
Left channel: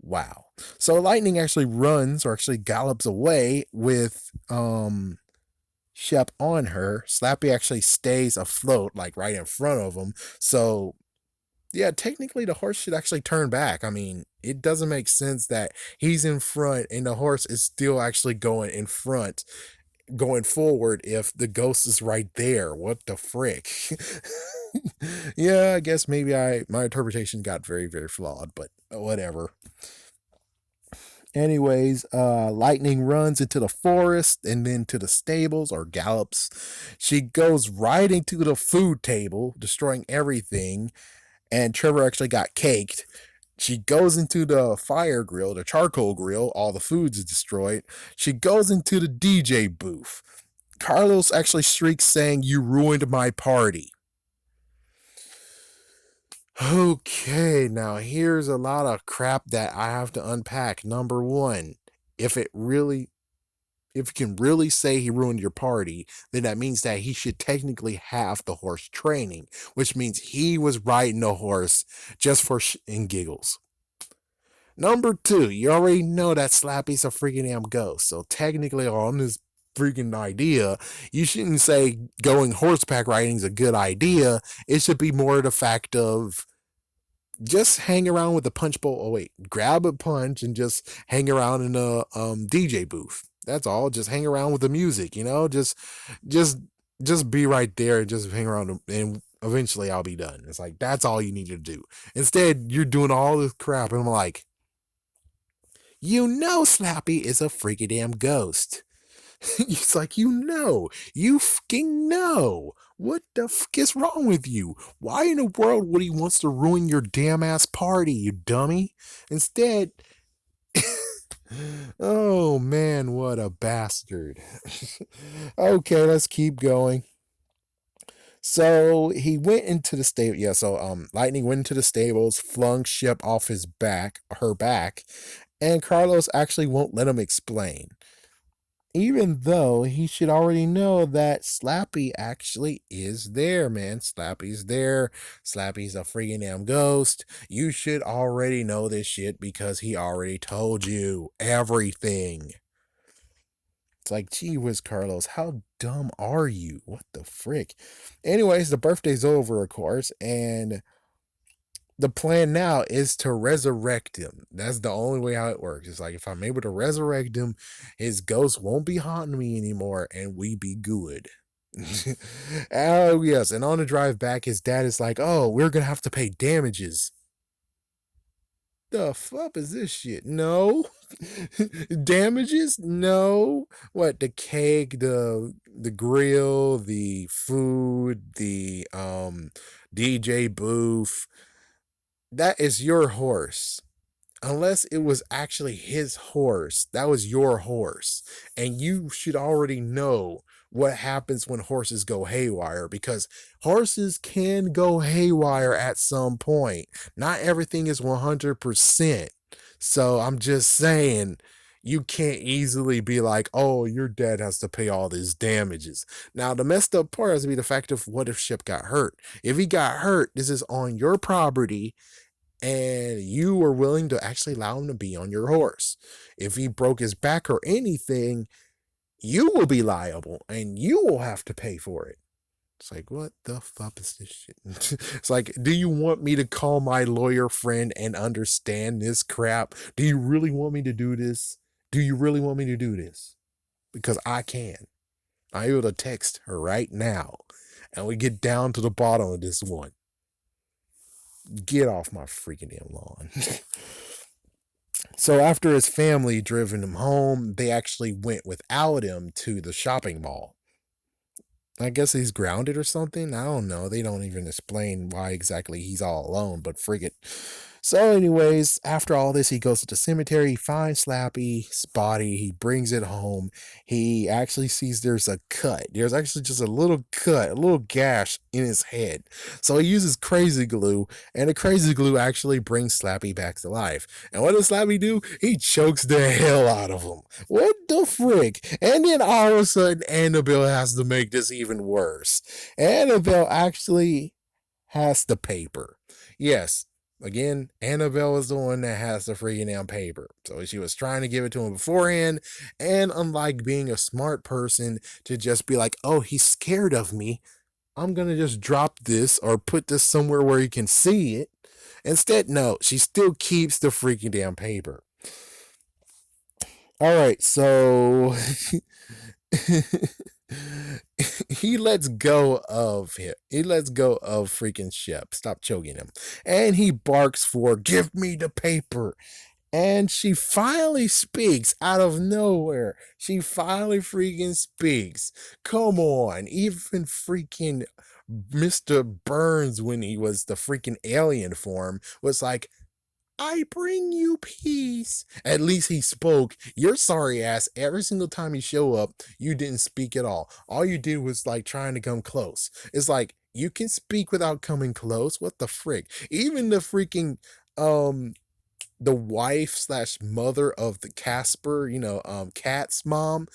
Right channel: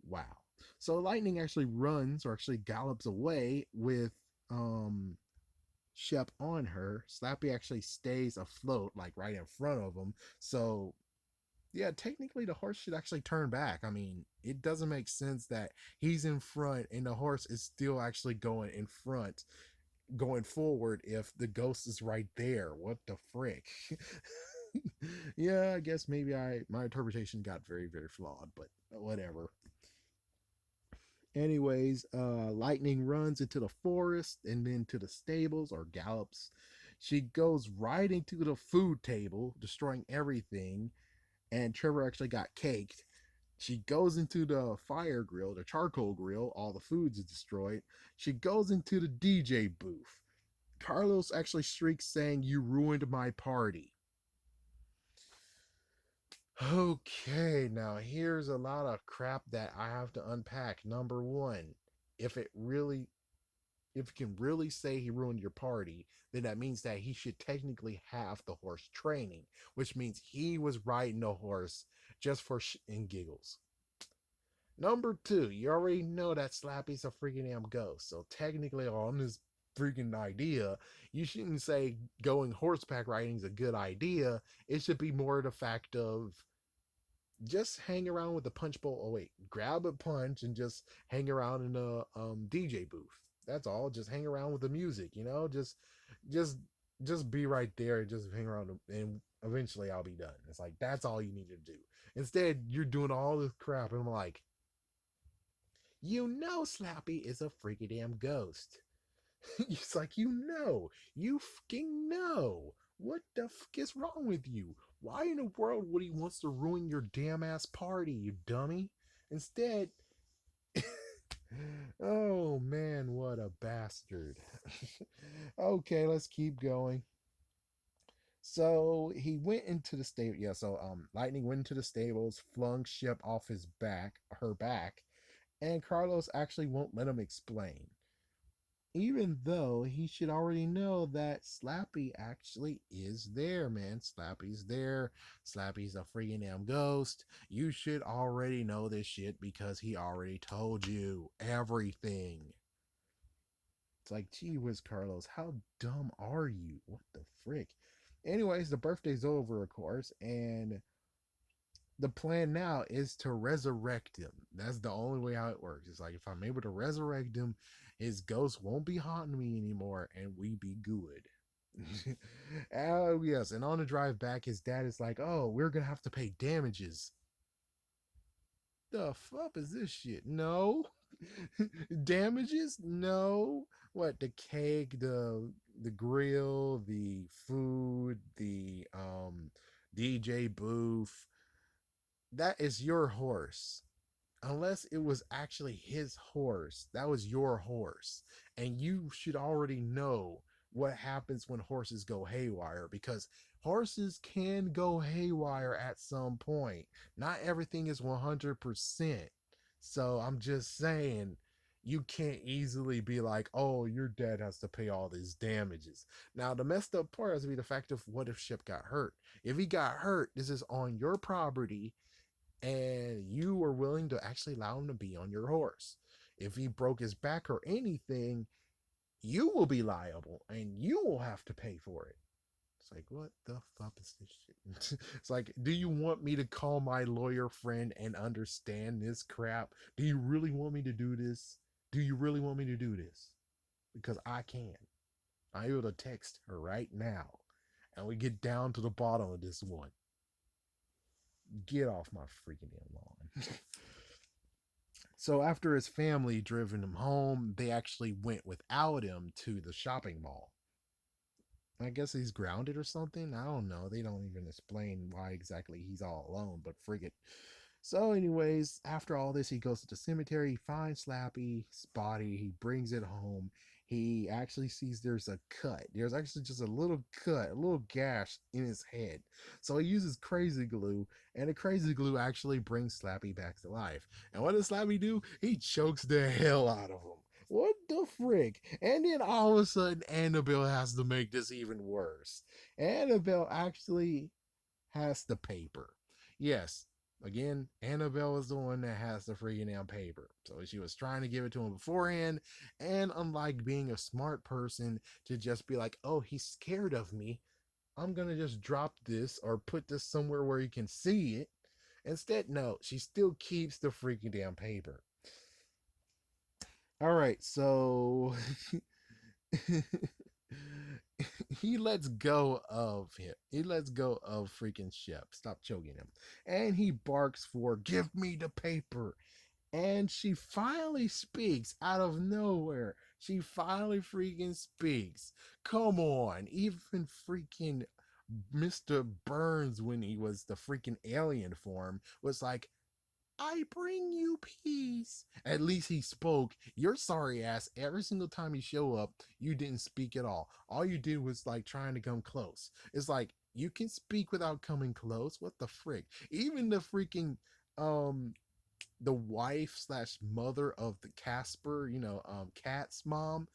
Wow. So Lightning actually runs or actually gallops away with Shep on her. Slappy actually stays afloat, like right in front of him. So yeah, technically the horse should actually turn back. I mean, it doesn't make sense that he's in front and the horse is still actually going in front, going forward if the ghost is right there. What the frick? Yeah, I guess maybe my interpretation got very, very flawed, but whatever. Anyways, Lightning runs into the forest and then to the stables or gallops. She goes right into the food table, destroying everything. And Trevor actually got caked. She goes into the fire grill, the charcoal grill, all the foods is destroyed. She goes into the DJ booth. Carlos actually shrieks, saying, you ruined my party. Okay, now here's a lot of crap that I have to unpack. Number one, if it really if you can really say he ruined your party, then that means that he should technically have the horse training, which means he was riding the horse just for and giggles. Number two, you already know that Slappy's a freaking damn ghost, so technically on this freaking idea, you shouldn't say going horseback riding is a good idea. It should be more the fact of just hang around with the punch bowl. Oh wait, grab a punch and just hang around in a DJ booth. That's all. Just hang around with the music, just just be right there and just hang around and eventually I'll be done. It's like that's all you need to do. Instead, you're doing all this crap and I'm like, Slappy is a freaky damn ghost. It's like, you fucking know. What the fuck is wrong with you? Why in the world would he wants to ruin your damn ass party, you dummy? Instead, oh man, what a bastard. Okay, let's keep going. So he went into the stable. Yeah, so Lightning went into the stables, flung Ship off her back, and Carlos actually won't let him explain, even though he should already know that Slappy actually is there, man. Slappy's there. Slappy's a freaking damn ghost. You should already know this shit because he already told you everything. It's like, gee whiz, Carlos, how dumb are you? What the frick? Anyways, the birthday's over, of course, and the plan now is to resurrect him. That's the only way how it works. It's like if I'm able to resurrect him, his ghost won't be haunting me anymore, and we be good. Oh yes, and on the drive back, his dad is like, "Oh, we're gonna have to pay damages." The fuck is this shit? No. Damages? No. What, the cake, the grill, the food, the DJ booth. That is your horse. Unless it was actually his horse. That was your horse. And you should already know what happens when horses go haywire, because horses can go haywire at some point. Not everything is 100%. So I'm just saying, you can't easily be like, oh, your dad has to pay all these damages. Now, the messed up part has to be the fact of what if Ship got hurt? If he got hurt, this is on your property, and you were willing to actually allow him to be on your horse. If he broke his back or anything, you will be liable and you will have to pay for it. It's like, what the fuck is this shit? It's like, do you want me to call my lawyer friend and understand this crap? Do you really want me to do this? Do you really want me to do this? Because I can. I'm able to text her right now and we get down to the bottom of this one. Get off my freaking damn lawn. So after his family driven him home, they actually went without him to the shopping mall. I guess he's grounded or something. I don't know. They don't even explain why exactly he's all alone, but frig it. So, anyways, after all this, he goes to the cemetery, he finds Slappy's body, he brings it home. He actually sees there's a cut. There's actually just a little cut, a little gash in his head. So he uses crazy glue, and the crazy glue actually brings Slappy back to life. And what does Slappy do? He chokes the hell out of him. What the frick? And then all of a sudden, Annabelle has to make this even worse. Annabelle actually has the paper. Yes, again, Annabelle is the one that has the freaking damn paper. So she was trying to give it to him beforehand. And unlike being a smart person to just be like, oh, he's scared of me, I'm going to just drop this or put this somewhere where he can see it. Instead, no, she still keeps the freaking damn paper. All right, so he lets go of him. He lets go of freaking Shep. Stop choking him. And he barks for, give me the paper. And she finally speaks out of nowhere. She finally freaking speaks. Come on. Even freaking Mr. Burns, when he was the freaking alien form, was like, I bring you peace. At least he spoke. Your sorry ass, every single time you show up, you didn't speak at all. All you did was like trying to come close. It's like, you can speak without coming close. What the frick? Even the freaking the wife slash mother of the Casper, Cat's mom,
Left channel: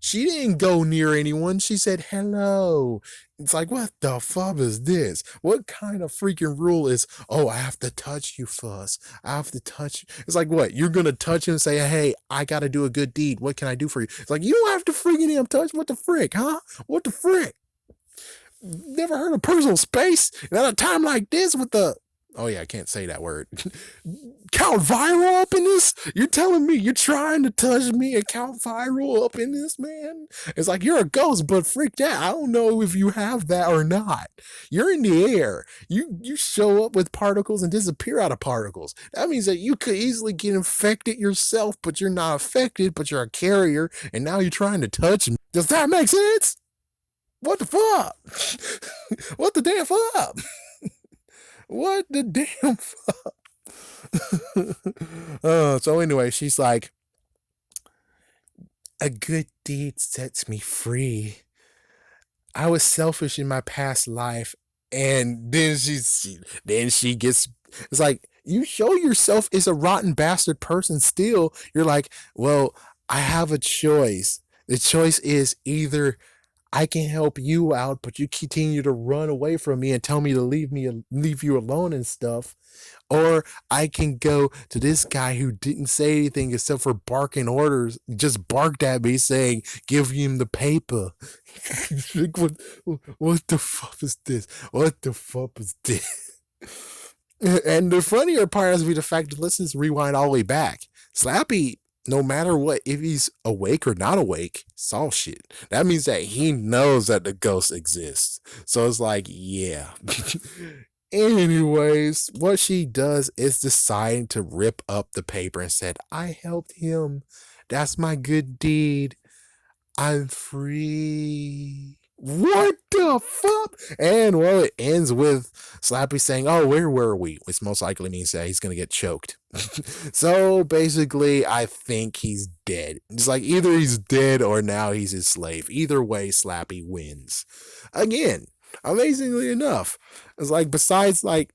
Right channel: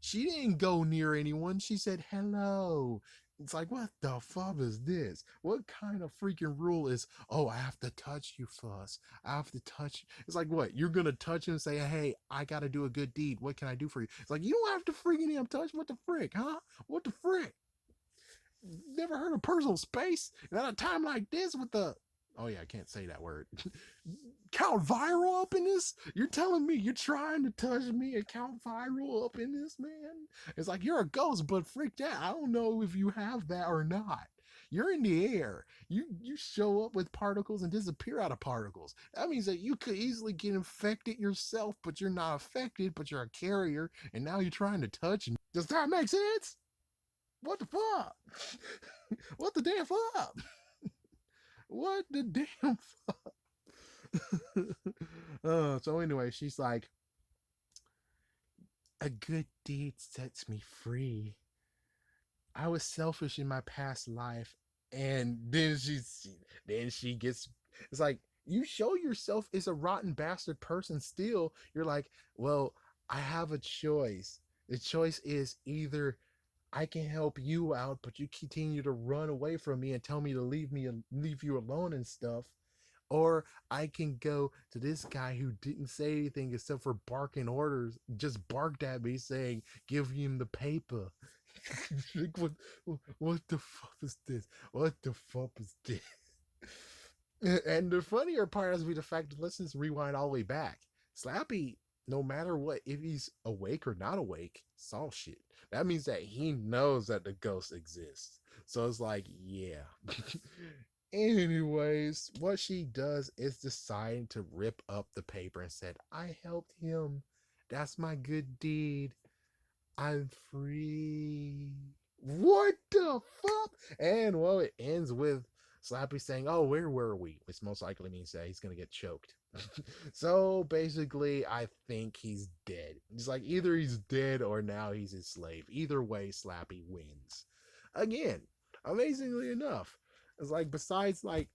she didn't go near anyone. She said hello. It's like, what the fuck is this? What kind of freaking rule is, oh, I have to touch you first. I have to touch you. It's like, what? You're going to touch him and say, hey, I got to do a good deed. What can I do for you? It's like, you don't have to freaking him touch. What the frick, huh? What the frick? Never heard of personal space? And at a time like this with the, oh yeah, I can't say that word. Count Viral up in this? You're telling me you're trying to touch me and Count Viral up in this, man? It's like, you're a ghost, but freak that. I don't know if you have that or not. You're in the air. You show up with particles and disappear out of particles. That means that you could easily get infected yourself, but you're not affected, but you're a carrier, and now you're trying to touch me. Does that make sense? What the fuck? What the damn fuck? What the damn fuck? So anyway, she's like, a good deed sets me free. I was selfish in my past life, and then she gets. It's like, you show yourself as a rotten bastard person. Still, you're like, well, I have a choice. The choice is either I can help you out, but you continue to run away from me and tell me to leave you alone and stuff. Or I can go to this guy who didn't say anything except for barking orders, just barked at me saying, give him the paper. what, what the fuck is this? What the fuck is this? And the funnier part has to be the fact that let's rewind all the way back. Slappy, no matter what, if he's awake or not awake, saw shit. That means that he knows that the ghost exists. So it's like, yeah. Anyways, what she does is decide to rip up the paper and said, I helped him. That's my good deed. I'm free. What the fuck? And well, it ends with Slappy saying, oh, where were we? Which most likely means that he's going to get choked. So basically, I think he's dead. It's like either he's dead or now he's his slave. Either way, Slappy wins. Again, amazingly enough, it's like besides like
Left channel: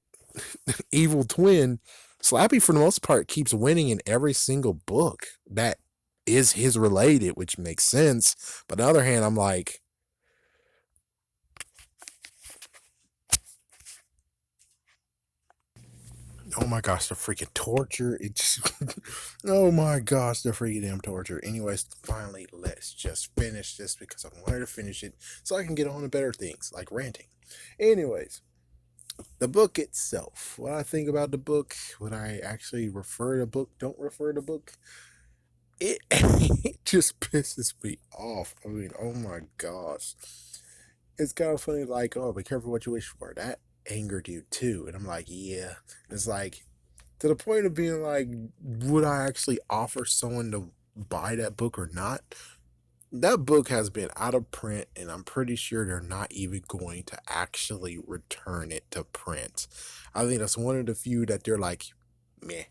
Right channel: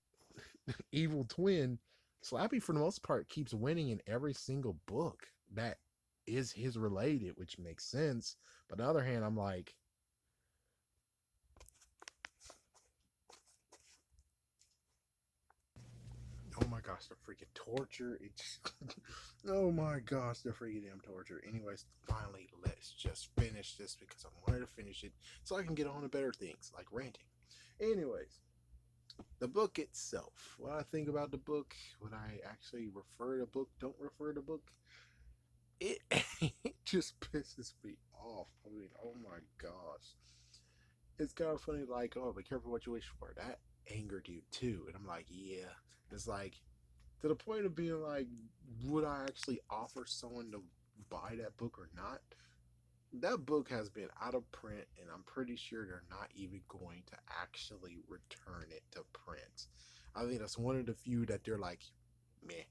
Evil Twin, Slappy for the most part keeps winning in every single book that is his related, which makes sense. But on the other hand, I'm like, oh my gosh, the freaking torture. It's oh my gosh, the freaking damn torture. Anyways, finally, let's just finish this because I wanted to finish it so I can get on to better things like ranting. Anyways, the book itself. What I think about the book, what I actually refer to book, don't refer to book, it, it just pisses me off. I mean, oh my gosh. It's kind of funny, like, oh, be careful what you wish for. That angered you too. And I'm like, yeah. It's like, to the point of being like, would I actually offer someone to buy that book or not? That book has been out of print, and I'm pretty sure they're not even going to actually return it to print. I think that's one of the few that they're like, meh.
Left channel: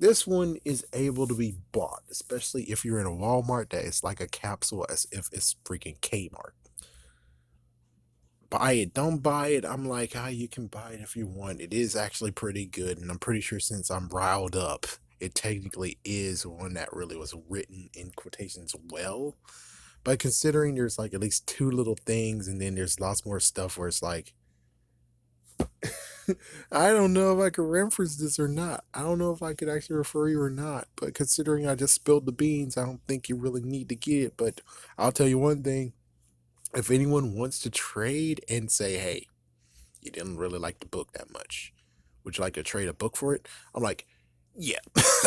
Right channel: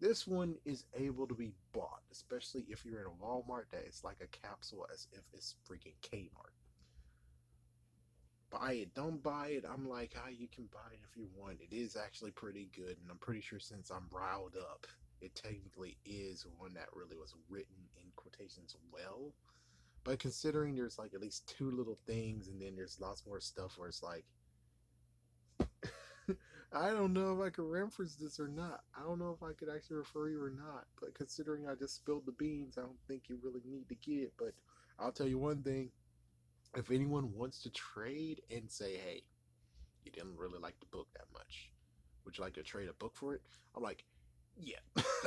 This one is able to be bought, especially if you're in a Walmart that is like a capsule as if it's freaking Kmart. Buy it, don't buy it. I'm like, ah, you can buy it if you want. It is actually pretty good, and I'm pretty sure since I'm riled up, it technically is one that really was written in quotations well. But considering there's like at least two little things, and then there's lots more stuff where it's like, I don't know if I could reference this or not. I don't know if I could actually refer you or not. But considering I just spilled the beans, I don't think you really need to get it. But I'll tell you one thing. If anyone wants to trade and say, hey, you didn't really like the book that much, would you like to trade a book for it? I'm like, yeah,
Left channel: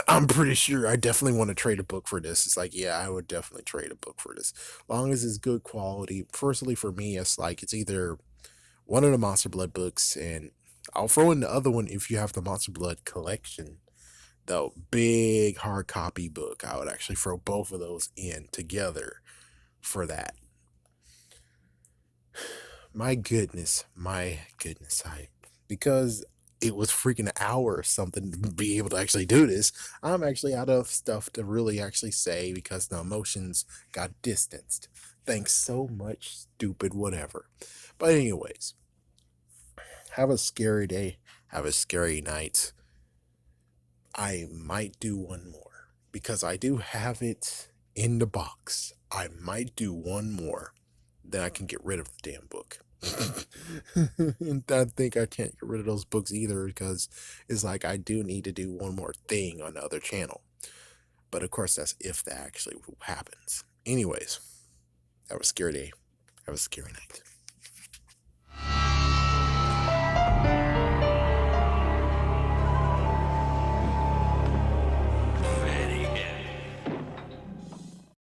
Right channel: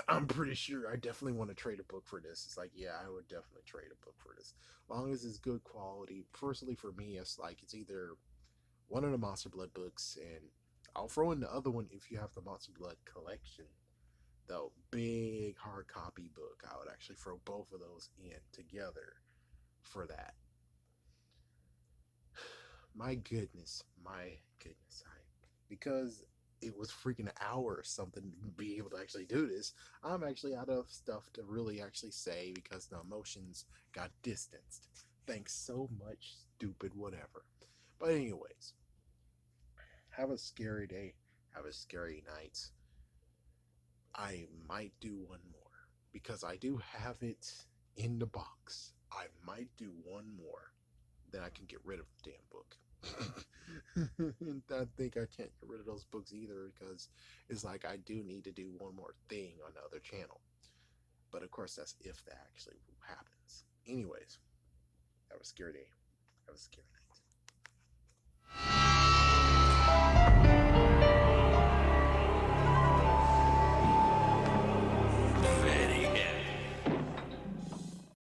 I'm pretty sure I definitely want to trade a book for this. It's like, yeah, I would definitely trade a book for this. Long as it's good quality. Firstly, for me, it's like, it's either one of the Monster Blood books, and I'll throw in the other one if you have the Monster Blood collection, the big hard copy book. I would actually throw both of those in together for that. My goodness, I because it was freaking an hour or something to be able to actually do this. I'm actually out of stuff to really actually say because the emotions got distanced. Thanks so much, stupid whatever. But anyways, have a scary day, have a scary night. I might do one more because I do have it in the box. I might do one more, then I can get rid of the damn book. And I think I can't get rid of those books either because it's like I do need to do one more thing on the other channel. But of course, that's if that actually happens. Anyways, have a scary day. Have a scary night.